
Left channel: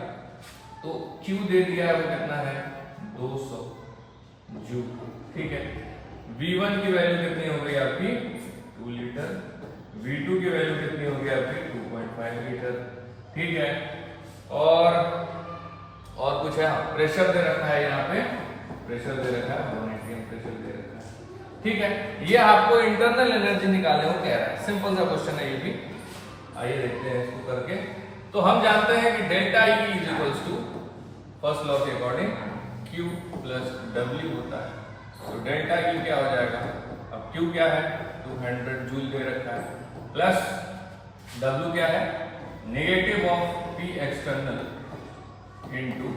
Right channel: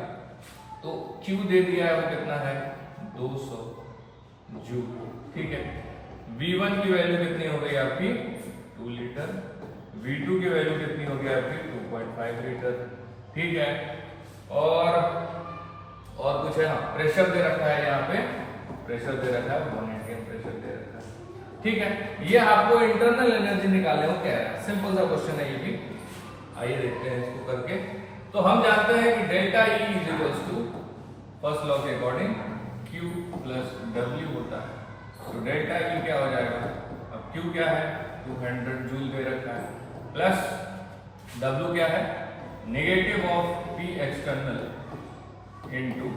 तो Q दे दिया है, वो कितना है, 200 जूल। ठीक है, V1 की वैल्यू कितनी हो गई आपकी, 2 लीटर, V2 की वैल्यू कितनी हो गई आपकी, 2.5 लीटर। ठीक है, और कुछ है, हाँ, प्रेशर दे रखा है, यहाँ पे प्रेशर दे रखा है, 1 atm प्रेशर दे रखा है। ठीक है, ये आपको इंटरनल एनर्जी निकालने को कह रहा है, सिंपल सा क्वेश्चन है ये भी। आइए देखते हैं इसको करके। तो हम जानते हैं कि delta E is equals to, first law के अकॉर्डिंग, Q प्लस W होता है। तो डेल्टा E क्या हो जाएगा, अब Q क्या है, 200 जूल दे रखा है, प्लस W क्या है, negative of P external into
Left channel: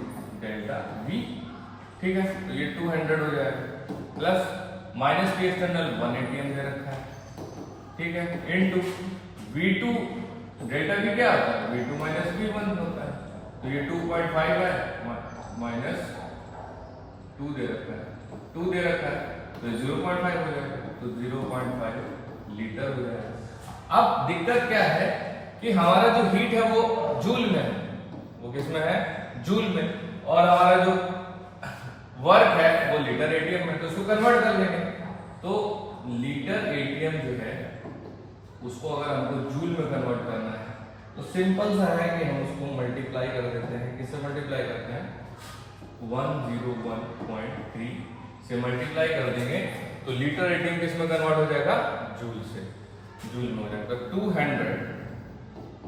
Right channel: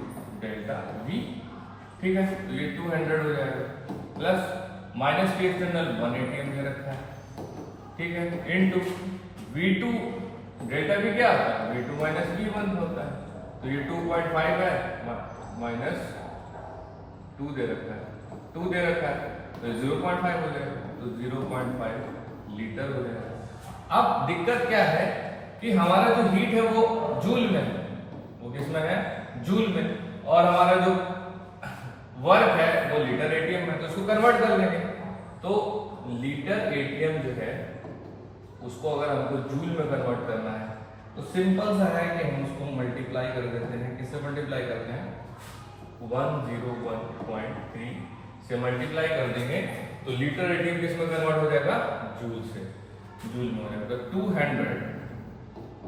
delta V। ठीक है, तो ये 200 हो जाएगा, plus minus P external 1 atm दे रखा है। ठीक है, इनटू V2, डेल्टा V क्या होता है, V2 माइनस V1 होता है, तो ये 2.5 है, माइनस 2 दे रखा है, 2 दे रखा है, तो 0.5 हो जाएगा, तो 0.5 लीटर हो जाएगा। अब दिक्कत क्या है कि हमारा जो हीट है वो जूल में है, वो किस में है, जूल में, और हमारा जो वर्क है वो लीटर एटीएम में, तो उसको कन्वर्ट कर लेंगे। तो लीटर एटीएम जो है उसको अगर हमको जूल में कन्वर्ट करना है तो सिंपल सा है कि हम उसको मल्टीप्लाई कर देते हैं। किससे मल्टीप्लाई करते हैं, 101.3 से मल्टीप्लाई कर देंगे, तो लीटर एटीएम किस में कन्वर्ट हो जाएगा, जूल से, जूल में हो जाएगा। 200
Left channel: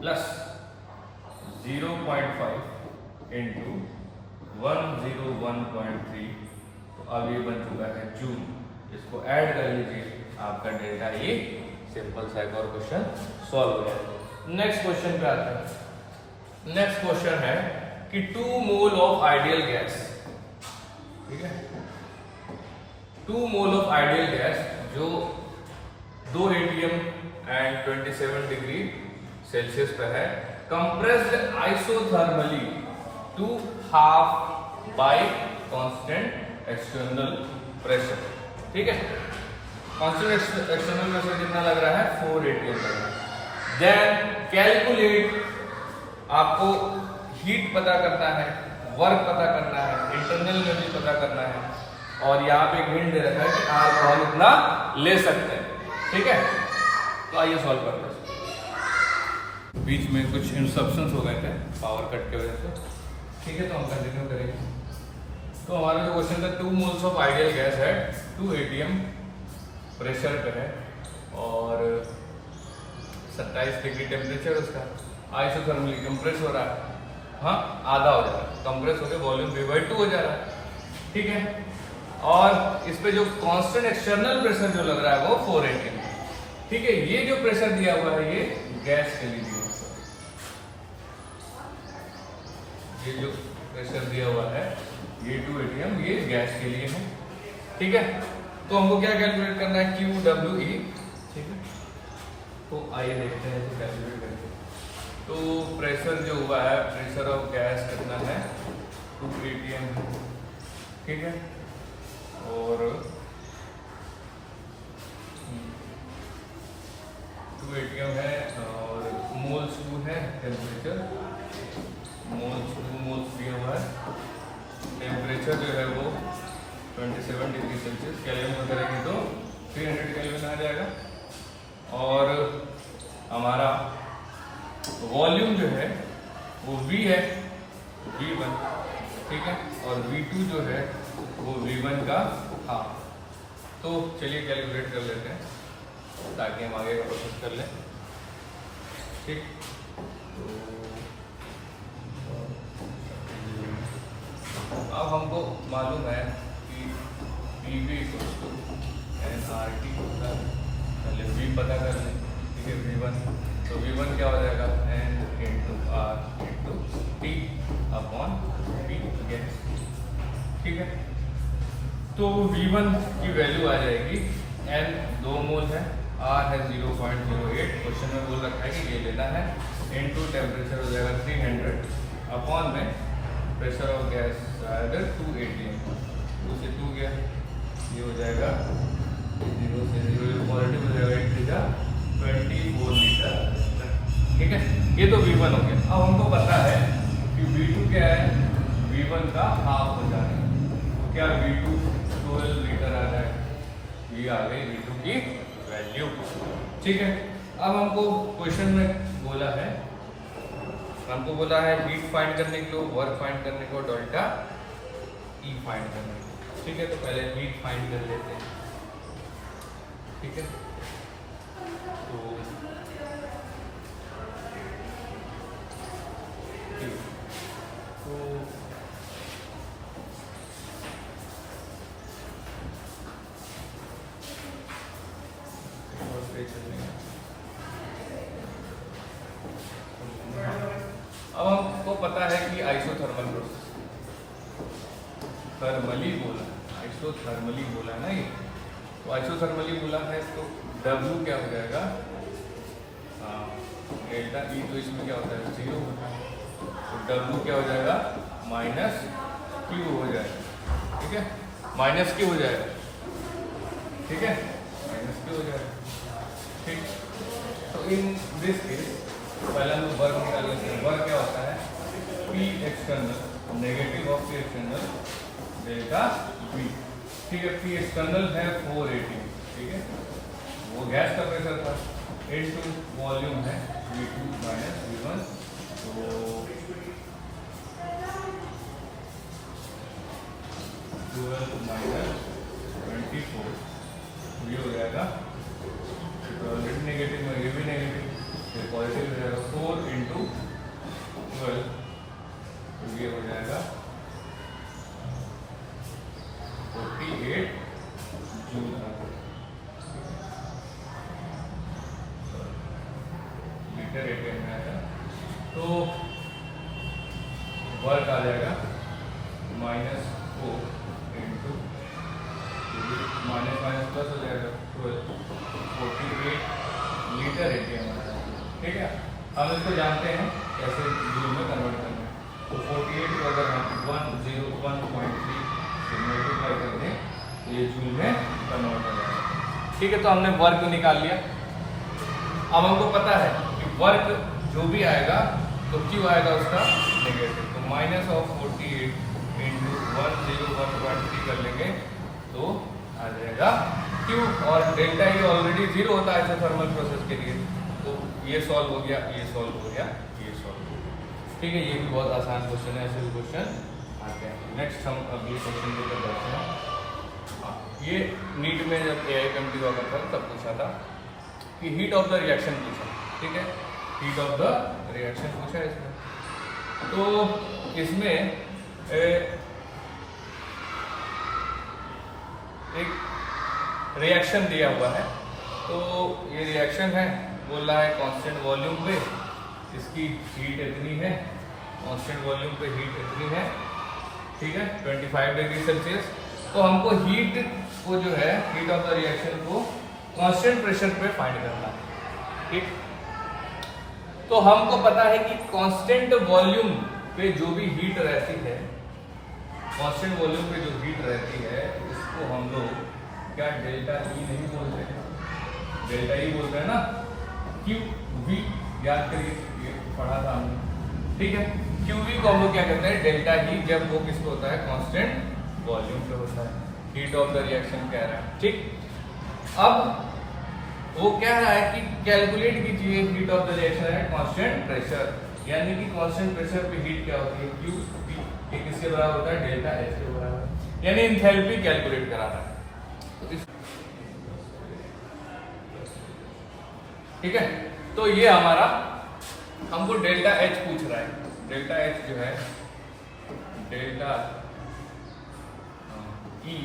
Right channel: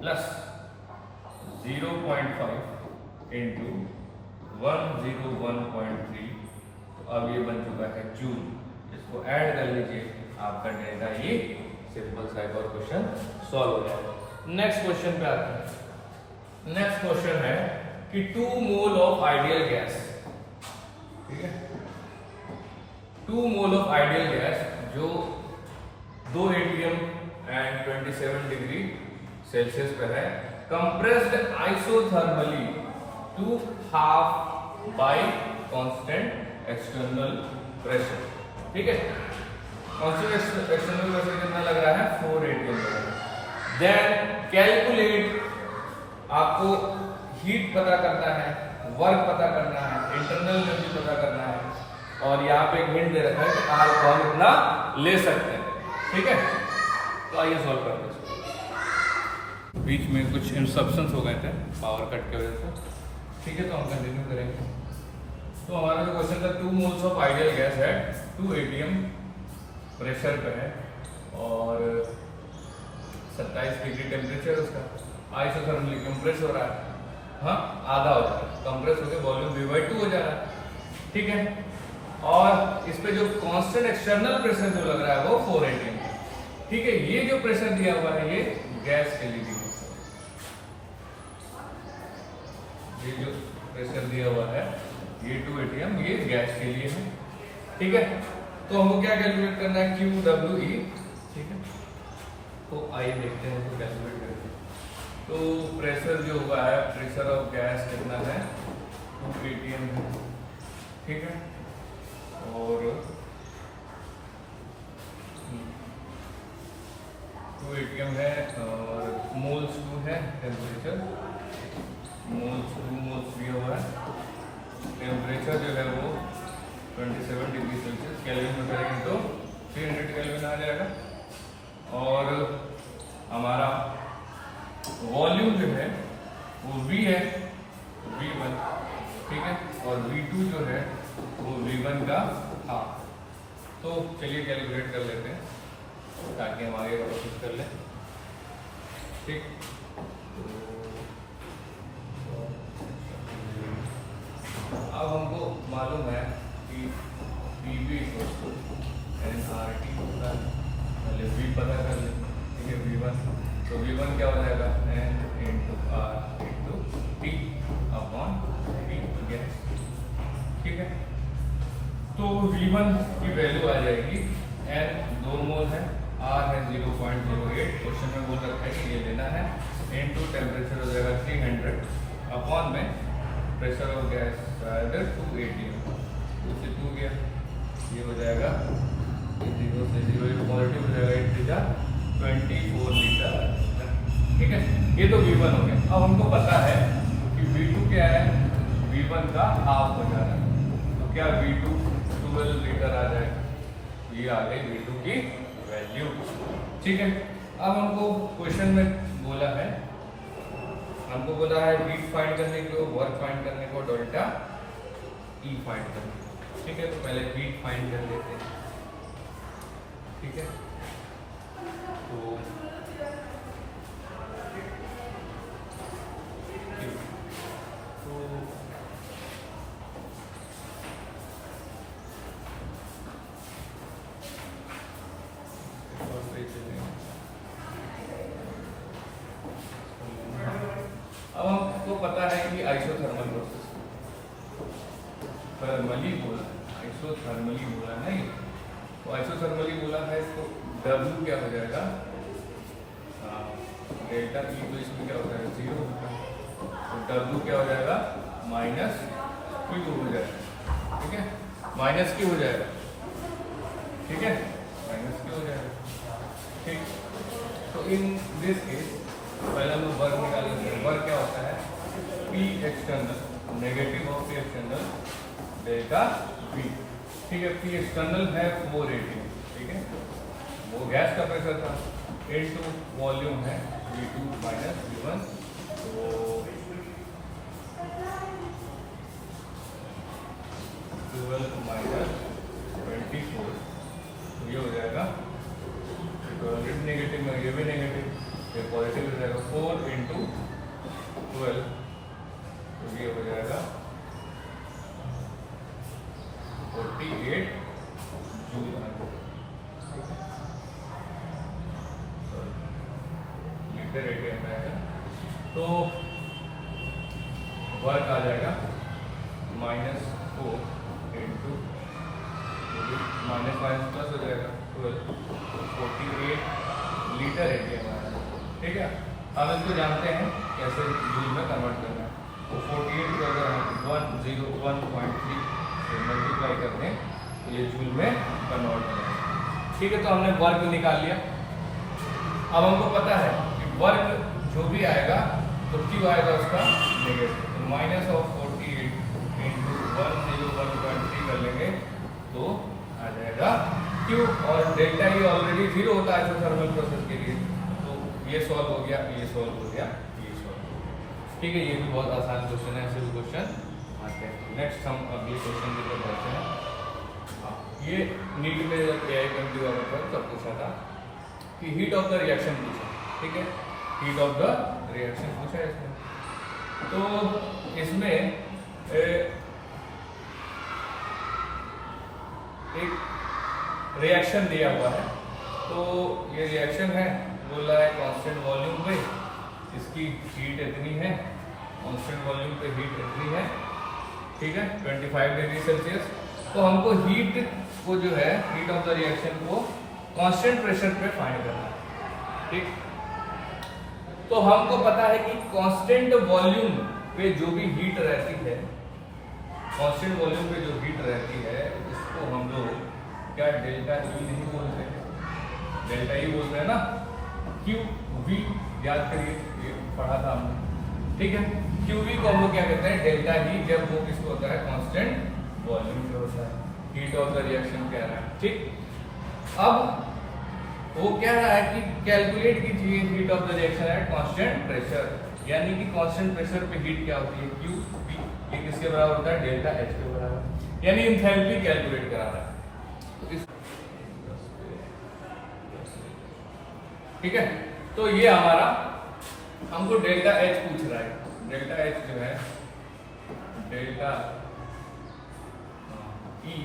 प्लस 0.5 इंटू 101.3, तो अब ये बन चुका है जूल। इसको ऐड कर लीजिए, आपका डेल्टा ये सिंपल सा एक और क्वेश्चन सॉल्व हो जाएगा। नेक्स्ट क्वेश्चन पे आते हैं। नेक्स्ट क्वेश्चन है कि 2 मोल ऑफ आइडियल गैस, ठीक है, 2 मोल ऑफ आइडियल गैस जो 2 atm एंड 27 डिग्री सेल्सियस पे है, compressed isothermally to half by constant external pressure. ठीक है, कांस्टेंट एक्सटर्नल प्रेशर कितना लग रहा है, 4 atm लग रहा है। देन कैलकुलेट, आपको हीट पता करना है, वर्क पता करना है, इंटरनल एनर्जी पता करना है, और यहाँ पे एक हिंट दे रखा है कि आर को हम इतना ले सकते हैं। ठीक है, तो आइए सॉल्व करते हैं। बीच में कुछ इंस्ट्रक्शंस हो गए थे पावर कट की वजह से। ठीक है, तो हम कंटिन्यू करेंगे। तो हमारा जो क्वेश्चन था, 2 मोल्स ऑफ आइडियल गैस है, 2 atm प्रेशर पे है और 27 डिग्री टेम्परेचर उसका, आइसोथर्मली कंप्रेस हो रहा है। हाँ आधा हो जा रहा है, कंप्रेस होकर वॉल्यूम V/2 हो जा रहा है, ठीक है। और इस पे जो कांस्टेंट एक्सटर्नल प्रेशर जो लग रहा है वो 4 atm, ठीक है। ये जो प्रेशर दिया हुआ है ये गैस के लिए दिया हुआ है, ये जो प्रेशर दिया हुआ है ये 2 atm ये गैस के लिए है, ठीक है। तो हमको क्या कैलकुलेट करना है, QWE, ठीक है। तो आइए देखते हैं तो कैलकुलेट करके। तो प्रेशर जो हुआ है, प्रेशर ऑफ गैस कितना है, 2 atm है, ठीक है। और 2 atm है और मोल्स 2 है, टेम्परेचर मोल्स 2 मोल्स दिया हुआ है, टेम्परेचर जो है वो 27 डिग्री सेल्सियस, केल्विन में करेंगे तो 300 केल्विन आ जाएगा। और हमारा वॉल्यूम जो है वो V है, V1, ठीक है। और V2 जो है वो V1 का हाफ। तो चलिए कैलकुलेट कर लेते हैं ताकि हम आगे का प्रोसेस कर लें, ठीक। तो अब हमको मालूम है कि PV =NRT होता है, पहले V पता कर लें, ठीक है। V1 तो V1 क्या हो जाएगा, N × R × T/V गैस, ठीक है। तो V1 की वैल्यू आ जाएगी, N 2 मोल है, R है 0.08, क्वेश्चन में बोल रखा है कि ये लेना है, इनटू टेम्परेचर हो जाएगा 300 अपॉन में प्रेशर ऑफ गैस 2 atm, 2 से 2 गया, ये हो जाएगा 0 से 0, ये पॉजिटिव हो जाएगा, 8 × 24 लीटर, ठीक है। ये तो V1 हो गया। अब हमको पता है कि V2 क्या है, V1 का हाफ हो जा रहा है, तो क्या V2 12 लीटर आ जाए, ये आ गई V2 की वैल्यू, ठीक है। अब हमको क्वेश्चन में बोला है, हमको बोला है हीट फाइंड करने को, वर्क फाइंड करने को, डेल्टा E फाइंड करने को, ठीक है। तो पहले हीट फाइंड कर लेते हैं, ठीक है। तो अब हमको पता है कि आइसोथर्मल प्रोसेस, थर्मली बोला, आइसोथर्मली बोला ना ये, तो आइसोथर्मली बोला है तो W क्या हो जाएगा, डेल्टा E, तो इसमें क्या होता है 0 होता है, तो W क्या हो जाएगा -Q हो जाएगा, ठीक है, -Q हो जाएगा, ठीक है, -Q हो जाएगा, ठीक। तो इन दिस केस पहले हम लोग वर्क निकाल लेते हैं। वर्क क्या होता है, P external negative of P external delta V, ठीक है। P एक्सटर्नल है 4 atm, ठीक है, वो गैस का प्रेशर था, इनटू वॉल्यूम है V2 - V1, तो 12 - 24, ये हो जाएगा, नेगेटिव में ये भी नेगेटिव, फिर पॉजिटिव हो जाएगा, 4 × 12, तो ये हो जाएगा 48 जूल, लीटर atm में आएगा। तो वर्क आ जाएगा -4 × -+ हो जाएगा 12, 48 लीटर atm आ रहा है, ठीक है। हम इसको जानते हैं कैसे जूल में कन्वर्ट करना है, तो 48 को अगर हम 101.3 से मल्टीप्लाई कर दें तो ये जूल में कन्वर्ट हो जाएगा, ठीक है। तो हमने वर्क निकाल लिया। अब हमको पता है कि वर्क जो भी आएगा तो Q आएगा उसका नेगेटिव, तो -48 × 101.3 कर लेंगे तो आ जाएगा Q, और डेल्टा E ऑलरेडी 0 होता है आइसोथर्मल प्रोसेस के लिए, तो ये सॉल्व हो गया, ये सॉल्व हो गया, ये सॉल्व हो गया, ठीक है। ये भी बहुत आसान क्वेश्चन है, ऐसे भी क्वेश्चन आते हैं। नेक्स्ट हम अगले क्वेश्चन की तरफ बढ़ते हैं। ये नीट में जब AI-20 हुआ था तब पूछा था कि हीट ऑफ द रिएक्शन पूछा, ठीक है, हीट ऑफ द रिएक्शन पूछा है इसमें। तो इसमें एक रिएक्शन दिया हुआ है, तो ये रिएक्शन है, बोल रहा है कांस्टेंट वॉल्यूम पे इसकी हीट इतनी है, कांस्टेंट वॉल्यूम पे हीट इतनी है, ठीक है, 25 डिग्री सेल्सियस। तो हमको हीट को जो है, हीट ऑफ द रिएक्शन को कांस्टेंट प्रेशर पे फाइंड करना है, ठीक। तो हमको पता है कि कांस्टेंट वॉल्यूम पे जो भी हीट रहती है, कांस्टेंट वॉल्यूम पे जो हीट रहती है उसको हम लोग क्या डेल्टा ई नहीं बोलते हैं, डेल्टा ई बोलते हैं ना, क्यू वी, याद करिए ये पढ़ा था हमने, ठीक है। क्यू वी को हम लोग क्या कहते हैं, डेल्टा ही, जब वो किसको होता है, कांस्टेंट वॉल्यूम पे होता है, हीट ऑफ द रिएक्शन कह रहा है, ठीक। अब वो कह रहा है कि कैलकुलेट कीजिए heat of the reaction at constant pressure, यानी कि कांस्टेंट प्रेशर पे हीट क्या होती है, क्यू वी, ये किसके बराबर होता है, डेल्टा एच के बराबर, यानी एंथैल्पी कैलकुलेट कराना है, ठीक है। तो ये हमारा, हमको डेल्टा एच पूछ रहा है, डेल्टा एच जो है delta E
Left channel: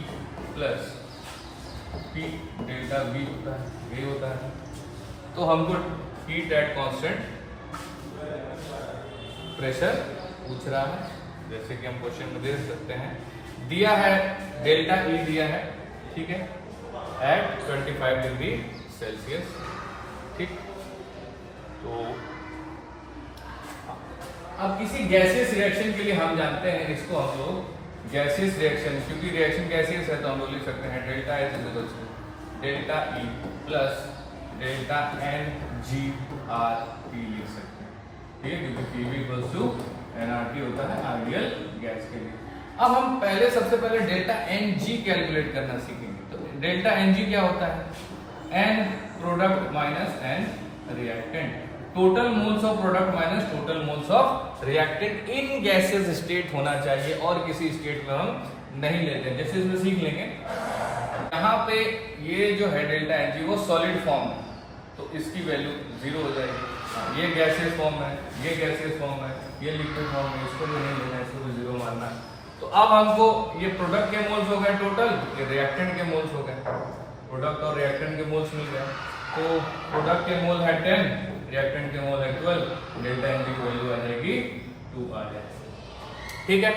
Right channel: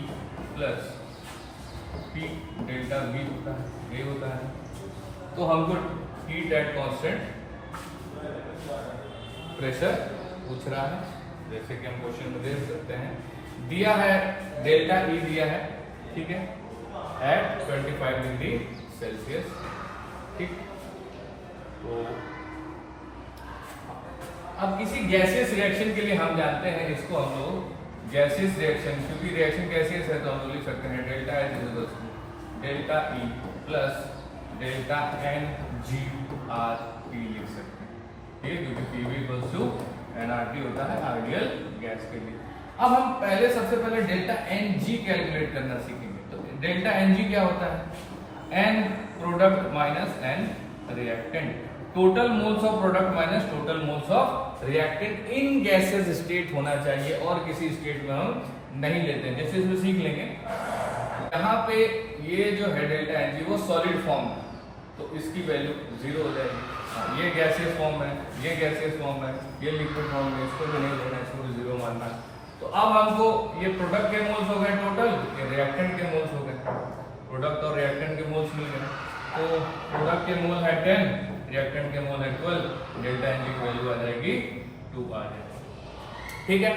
plus P delta we होता है, ये होता है। तो हमको हीट एट कांस्टेंट प्रेशर पूछ रहा है, जैसे कि हम क्वेश्चन में देख सकते हैं, दिया है डेल्टा ई दिया है, ठीक है, एट 25 डिग्री सेल्सियस, ठीक। तो अब किसी गैसियस रिएक्शन के लिए हम जानते हैं इसको हम लोग गैसियस रिएक्शन, क्योंकि रिएक्शन गैसियस है तो हम लोग लिख सकते हैं delta H is equal to delta E plus delta N G R T लिख सकते हैं, ठीक है, क्योंकि P V equals to N R T होता है आइडियल गैस के लिए। अब हम पहले सबसे पहले डेल्टा एन जी कैलकुलेट करना सीखेंगे। तो डेल्टा एन जी क्या होता है, N product minus N reactant, total moles of product minus total moles of reactant in gases state होना चाहिए, और किसी स्टेट में हम नहीं लेते हैं, जैसे इसमें सीख लेंगे। यहाँ पे ये जो है डेल्टा एन जी वो सॉलिड फॉर्म है, तो इसकी वैल्यू 0 हो जाएगी। हाँ, ये गैसियस फॉर्म है, ये गैसियस फॉर्म है, ये लिक्विड फॉर्म है, इसको भी नहीं लेना, इसको भी 0 मानना है। तो अब हमको ये प्रोडक्ट के मोल्स हो गए टोटल, ये रिएक्टेंट के मोल्स हो गए, प्रोडक्ट और रिएक्टेंट के मोल्स मिल गए। तो प्रोडक्ट के मोल है 10, रिएक्टेंट के मोल है 12, डेल्टा एन जी की वैल्यू आ जाएगी 2 आ जाएगी, ठीक है।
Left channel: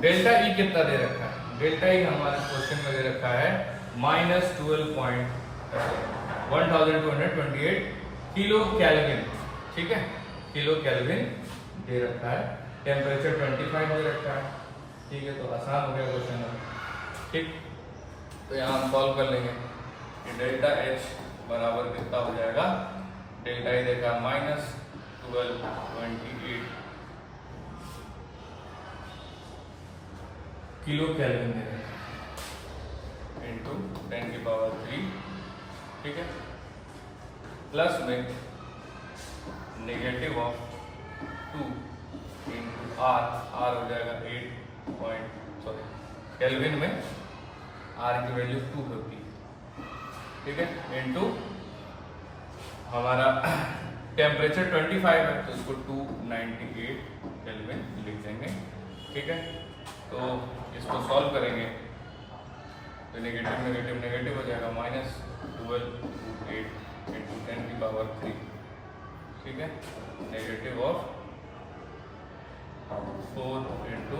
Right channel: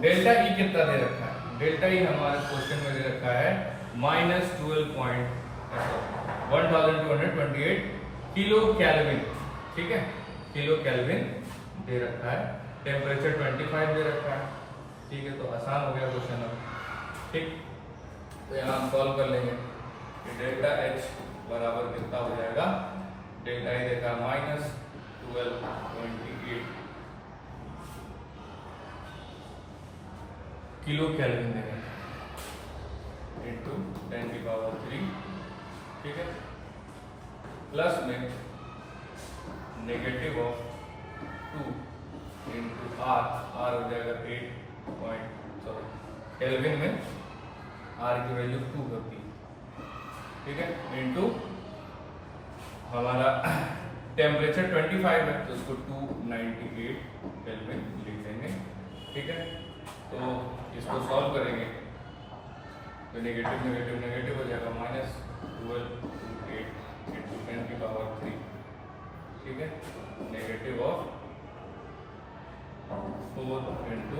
डेल्टा ई कितना दे रखा है, डेल्टा ई हमारे क्वेश्चन में दे रखा है -1228 किलो कैल्विन, ठीक है, किलो कैल्विन दे रखा है, टेम्परेचर 25 दे रखा है, ठीक है। तो आसान हो गया क्वेश्चन अब, ठीक। तो यहाँ हम सॉल्व कर लेंगे कि डेल्टा एच बराबर कितना हो जाएगा, डेल्टा ई देखा -1228 किलो कैल्विन देगा इंटू 10 की पावर 3, ठीक है, प्लस में negative of 2 into R, R हो जाएगा 8 कैल्विन में आर की वैल्यू 2 होती है, ठीक है, इनटू हमारा टेम्परेचर 25 है तो इसको 298 केल्विन लिख देंगे, ठीक है। तो इसको सॉल्व करेंगे तो नेगेटिव नेगेटिव नेगेटिव हो जाएगा, -1228 इंटू 10 की पावर 3, ठीक है, नेगेटिव ऑफ 4 इंटू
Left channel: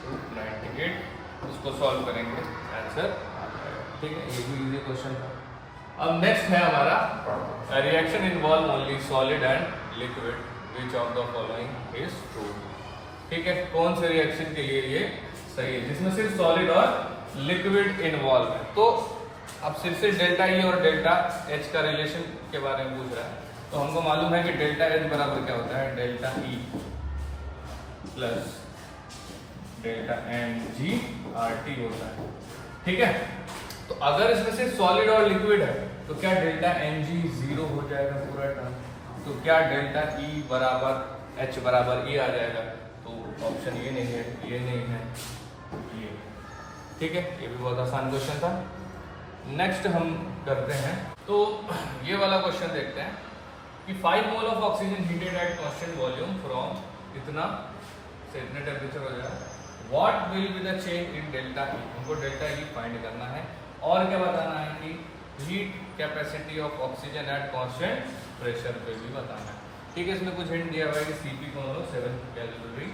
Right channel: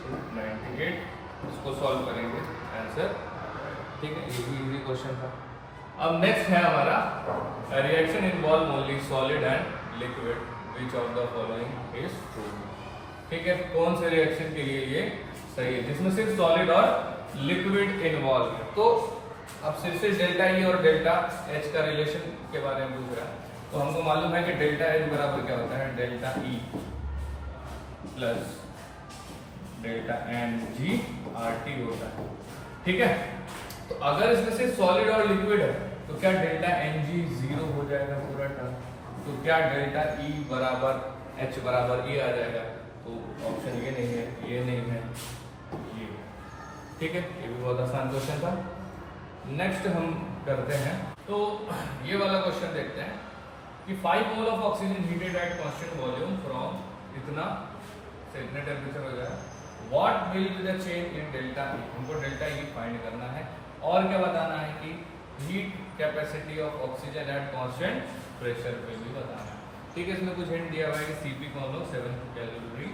298, इसको सॉल्व करेंगे आंसर, ठीक है। ये भी इजी क्वेश्चन था। अब नेक्स्ट है हमारा reaction involve only solid and liquid, which of the following is true, ठीक है। कौन से रिएक्शन के लिए ये सही है, जिसमें सिर्फ सॉलिड और लिक्विड इन्वॉल्व है। तो अब सिर्फ डेल्टा ई और डेल्टा एच का रिलेशन के बारे में पूछ रहा है। तो हमको मालूम है कि डेल्टा एच बराबर क्या होता है, delta E plus delta N G R T होता है, ठीक है। तो अगर इसमें से सॉलिड और लिक्विड है तो क्या डेल्टा एन जी 0 हो जाएगा पूरा टर्म, तो क्या डेल्टा ई बराबर एच बराबर ई आ जाएगा, तो ऑप्शन ये नहीं है, ये नहीं है, ये, ठीक है। ये भी बहुत आसान क्वेश्चन था। नेक्स्ट हम करते हैं, तो ये वाला क्वेश्चन देखते हैं कि 5 mole of oxygen heated at constant volume from इतना से इतने टेम्परेचर हो जाएगा। What will be the change in delta E, हमको डेल्टा ई फाइंड करना है। और क्या बताना है कि heat capacity of oxygen at constant pressure पे भी बताना है। ठीक है, इसमें कुछ हिंट दिया हुआ है कि सीपी को हम लोग 7 कैलोरी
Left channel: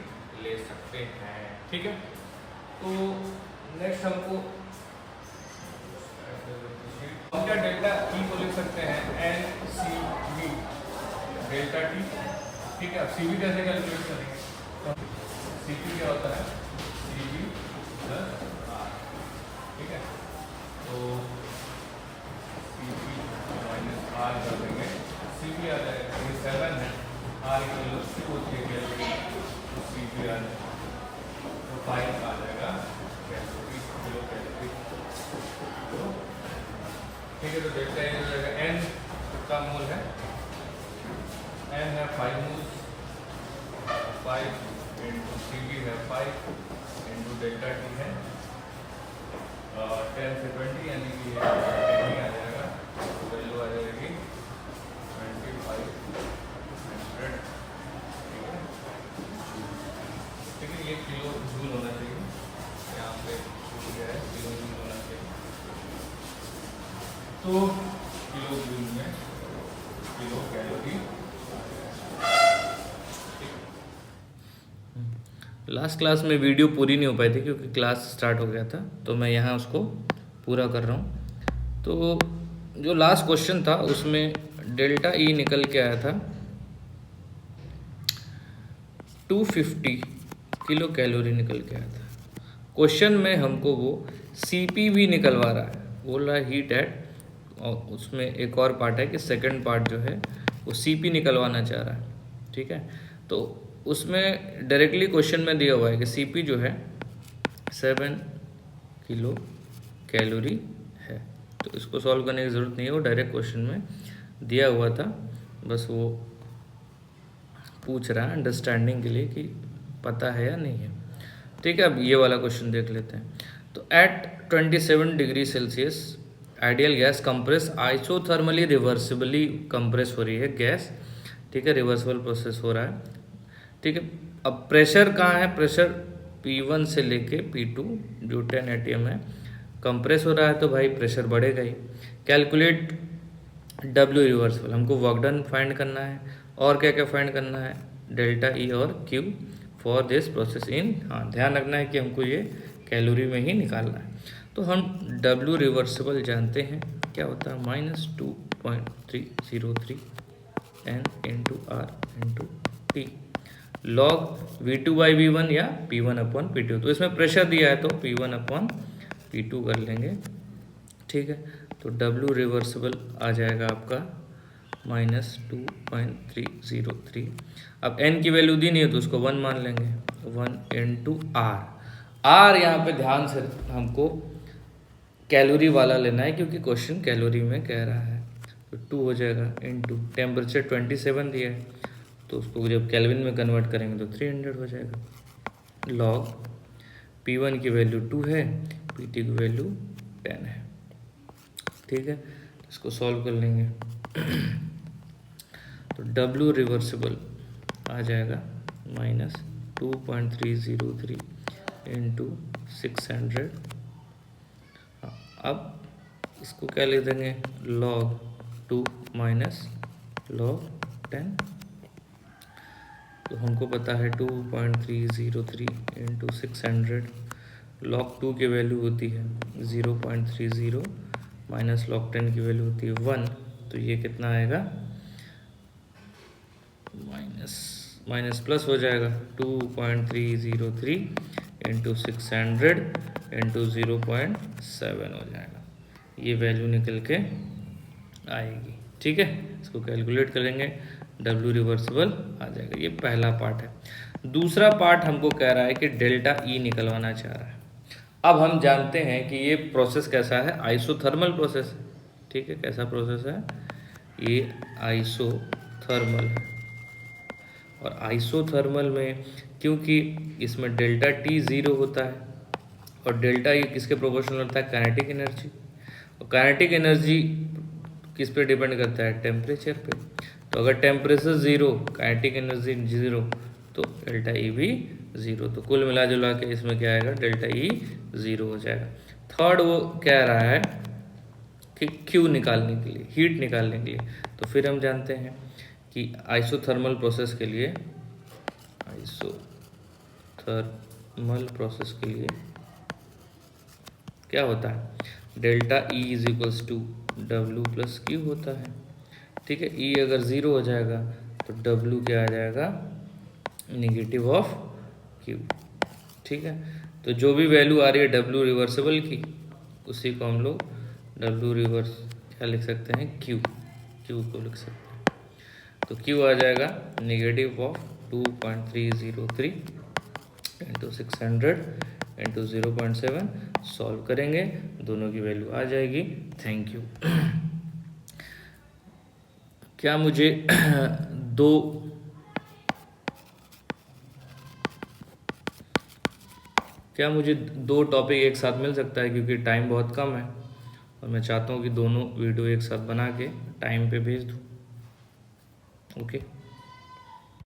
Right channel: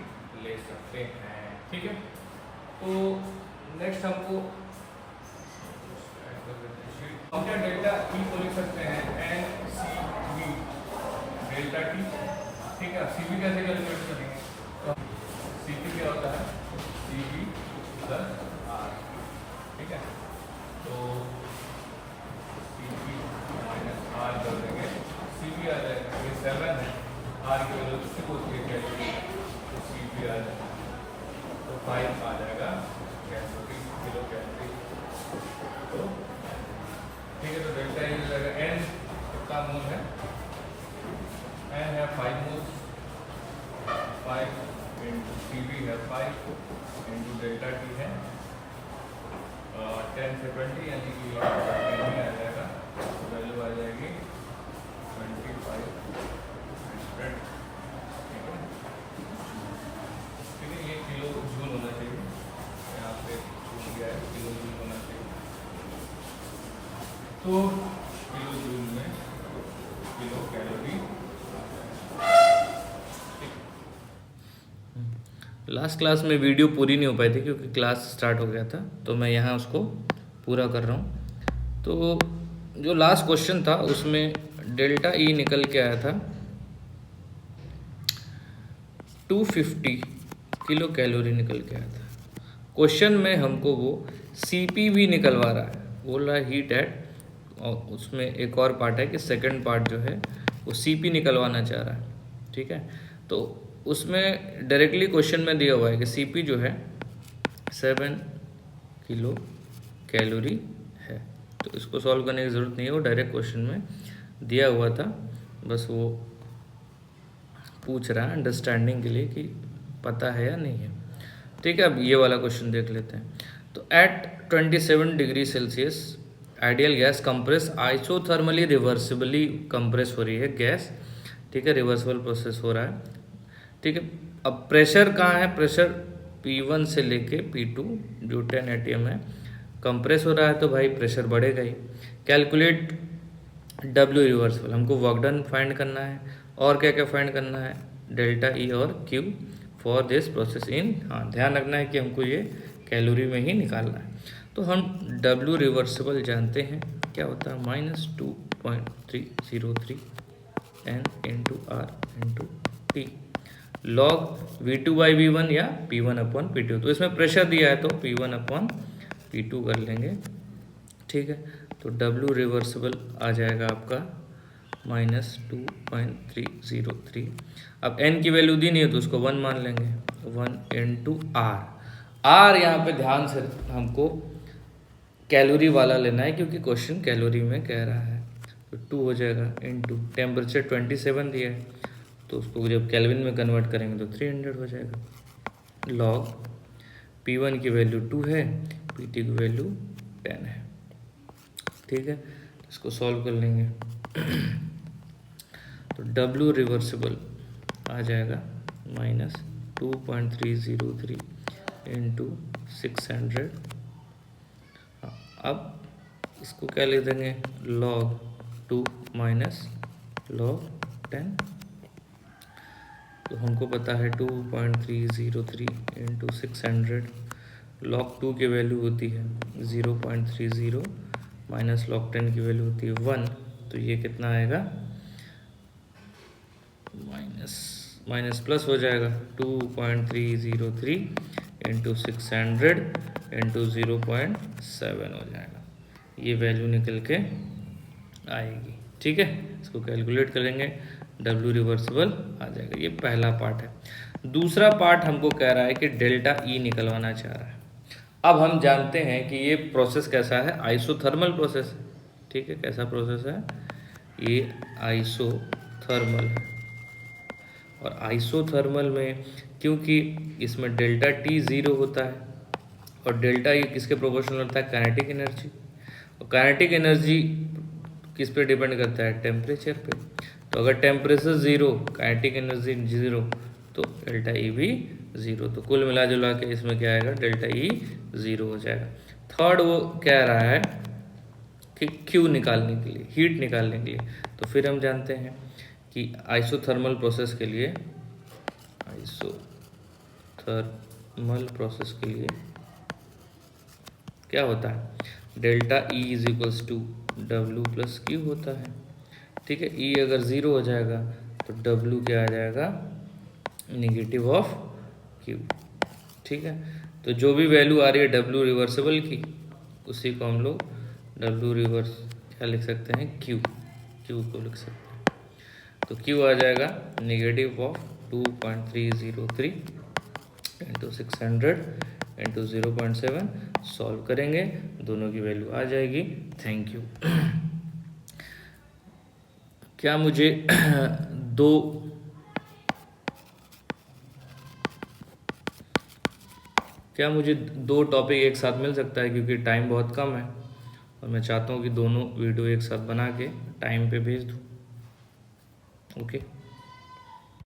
ले सकते हैं। ठीक है, तो नेक्स्ट हमको हम क्या डेल्टा ई को लिख सकते हैं N C V delta T. ठीक है, सी वी कैसे कैलकुलेट करेंगे, तो सी पी क्या होता है सी वी प्लस आर। ठीक है, तो सी पी माइनस आर कर देंगे, सी पी आ जाएगा, ये 7 है, आर की वैल्यू 2 होती है कैलोरी, तो सी पी आ जाएगा, तो 5 आ जाएगा कैलोरी, किलो कैलोरी। तो ठीक है, तो डेल्टा ए जगह एन का मोल है, एन है 5 मोल्स, 5 इंटू सी बी है 5 इंटू डेल्टा टी है 10 से 20 यानी कि 20 आ जाएगा, तो वैल्यू आ जाएगी 2500। ठीक है, ये किलो जूल होना चाहिए, यहाँ पे छूट गया है, किलो जूल होना चाहिए। तो किलो जूल में किलो कैलोरी। लास्ट क्लास में वीडियो पूरी नहीं हो पाई थी क्योंकि क्लास स्टार्ट हो गया था, तो मैं यहाँ उसको पूरा कर रहा हूँ। तो जो लास्ट क्वेश्चन था उसमें डेल्टा ई निकल के आया था 250 किलो कैलोरी निकल के आया था। क्वेश्चन में हमको वो सीपी भी निकलवा रहा है, बोल रहा है हीट एट, और उसमें एक और पार्ट है कि सेकंड पार्ट जो है वो सीपी निकलवाना चाह रहा है। ठीक है, तो उसमें डायरेक्टली क्वेश्चन में दिया हुआ है कि सीपी जो है 7 किलो कैलोरी है, तो इसको सॉल्व करने की ज़रूरत नहीं है, वो डायरेक्ट क्वेश्चन में दिया हुआ था, बस वो पूछ रहा है अंडरस्टैंडिंग के लिए कि पता है या नहीं है। ठीक है, अब ये वाला क्वेश्चन देख लेते हैं। तो at 27 degree Celsius ideal gas compress isothermally reversibly compress हो रही है गैस। ठीक है, रिवर्सिबल प्रोसेस हो रहा है। ठीक है, अब प्रेशर कहाँ है, प्रेशर P1 से लेके P2 जो 10 atm है, कंप्रेस हो रहा है तो भाई प्रेशर बढ़ेगा ही। कैलकुलेट W रिवर्सिबल, हमको वर्क डन फाइंड करना है, और क्या क्या फाइंड करना है, डेल्टा ई और Q for this process in, हाँ ध्यान रखना है कि हमको ये कैलोरी में ही निकालना है। तो हम W रिवर्सिबल जानते हैं क्या होता है, -2.303 N into R into T log V2/V1 या P1/P2। तो इसमें प्रेशर दिया है तो P1/P2 कर लेंगे। ठीक है, तो W रिवर्सिबल आ जाएगा आपका -2.303। अब N की वैल्यू दी नहीं है तो उसको 1 मान लेंगे, 1 इंटू आर। आर यहाँ पे ध्यान से हमको कैलोरी वाला लेना है क्योंकि क्वेश्चन कैलोरी में कह रहा है, तो 2 हो जाएगा इंटू टेम्परेचर 27 दिया है, तो उसको जब केल्विन में कन्वर्ट करेंगे तो 300 हो जाएगा। लॉग P1 की वैल्यू 2 है, PT की वैल्यू 10 है। ठीक है, इसको सॉल्व कर लेंगे तो W रिवर्सिबल आ जाएगा -2.303 इंटू 600। अब इसको क्या लिख देंगे, log 2 माइनस log 10। तो हमको पता है 2.303 इंटू 600, log 2 की वैल्यू होती है 0.30 माइनस log 10 की वैल्यू होती है 1, तो ये कितना आएगा, माइनस प्लस हो जाएगा 2.303 इंटू 600 इंटू 0.7 हो जाएगा, ये वैल्यू निकल के आएगी। ठीक है, इसको कैलकुलेट करेंगे, W रिवर्सिबल आ जाएगा। ये पहला पार्ट है। दूसरा पार्ट हमको कह रहा है कि डेल्टा ई निकलवाना चाह रहा है। अब हम जानते हैं कि ये प्रोसेस कैसा है, आइसोथर्मल प्रोसेस है। ठीक है, कैसा प्रोसेस है, ये आइसोथर्मल है। और आइसोथर्मल में क्योंकि इसमें डेल्टा टी 0 होता है और डेल्टा ई किसके प्रोपोर्शनल होता है, काइनेटिक एनर्जी। और काइनेटिक एनर्जी किस पे डिपेंड करता है, टेम्परेचर पे। तो अगर टेम्परेचर 0, काइनेटिक एनर्जी 0, तो डेल्टा ई भी ज़ीरो। तो कुल मिला जुला के इसमें क्या आएगा, डेल्टा ई ज़ीरो हो जाएगा। थर्ड वो कह रहा है कि क्यू निकालने के लिए, हीट निकालने के लिए, तो फिर हम जानते हैं कि आइसोथर्मल प्रोसेस के लिए, आइसोथर्मल प्रोसेस के लिए क्या होता है, delta E is equals to W plus Q होता है। ठीक है, ई अगर ज़ीरो हो जाएगा तो डब्ल्यू क्या आ जाएगा, निगेटिव ऑफ क्यू। ठीक है, तो जो भी वैल्यू आ रही है डब्ल्यू रिवर्सिबल की, उसी को हम लोग डब्ल्यू रिवर्स क्या लिख सकते हैं, क्यू को लिख सकते हैं। तो क्यू आ जाएगा negative of 2.303 into 600 into 0.7। Solve करेंगे, दोनों की वैल्यू आ जाएगी। Thank you. क्या मुझे दो टॉपिक एक साथ मिल सकता है, क्योंकि टाइम बहुत कम है और मैं चाहता हूँ कि दोनों वीडियो एक साथ बना के टाइम पे भेज दूँ। ओके।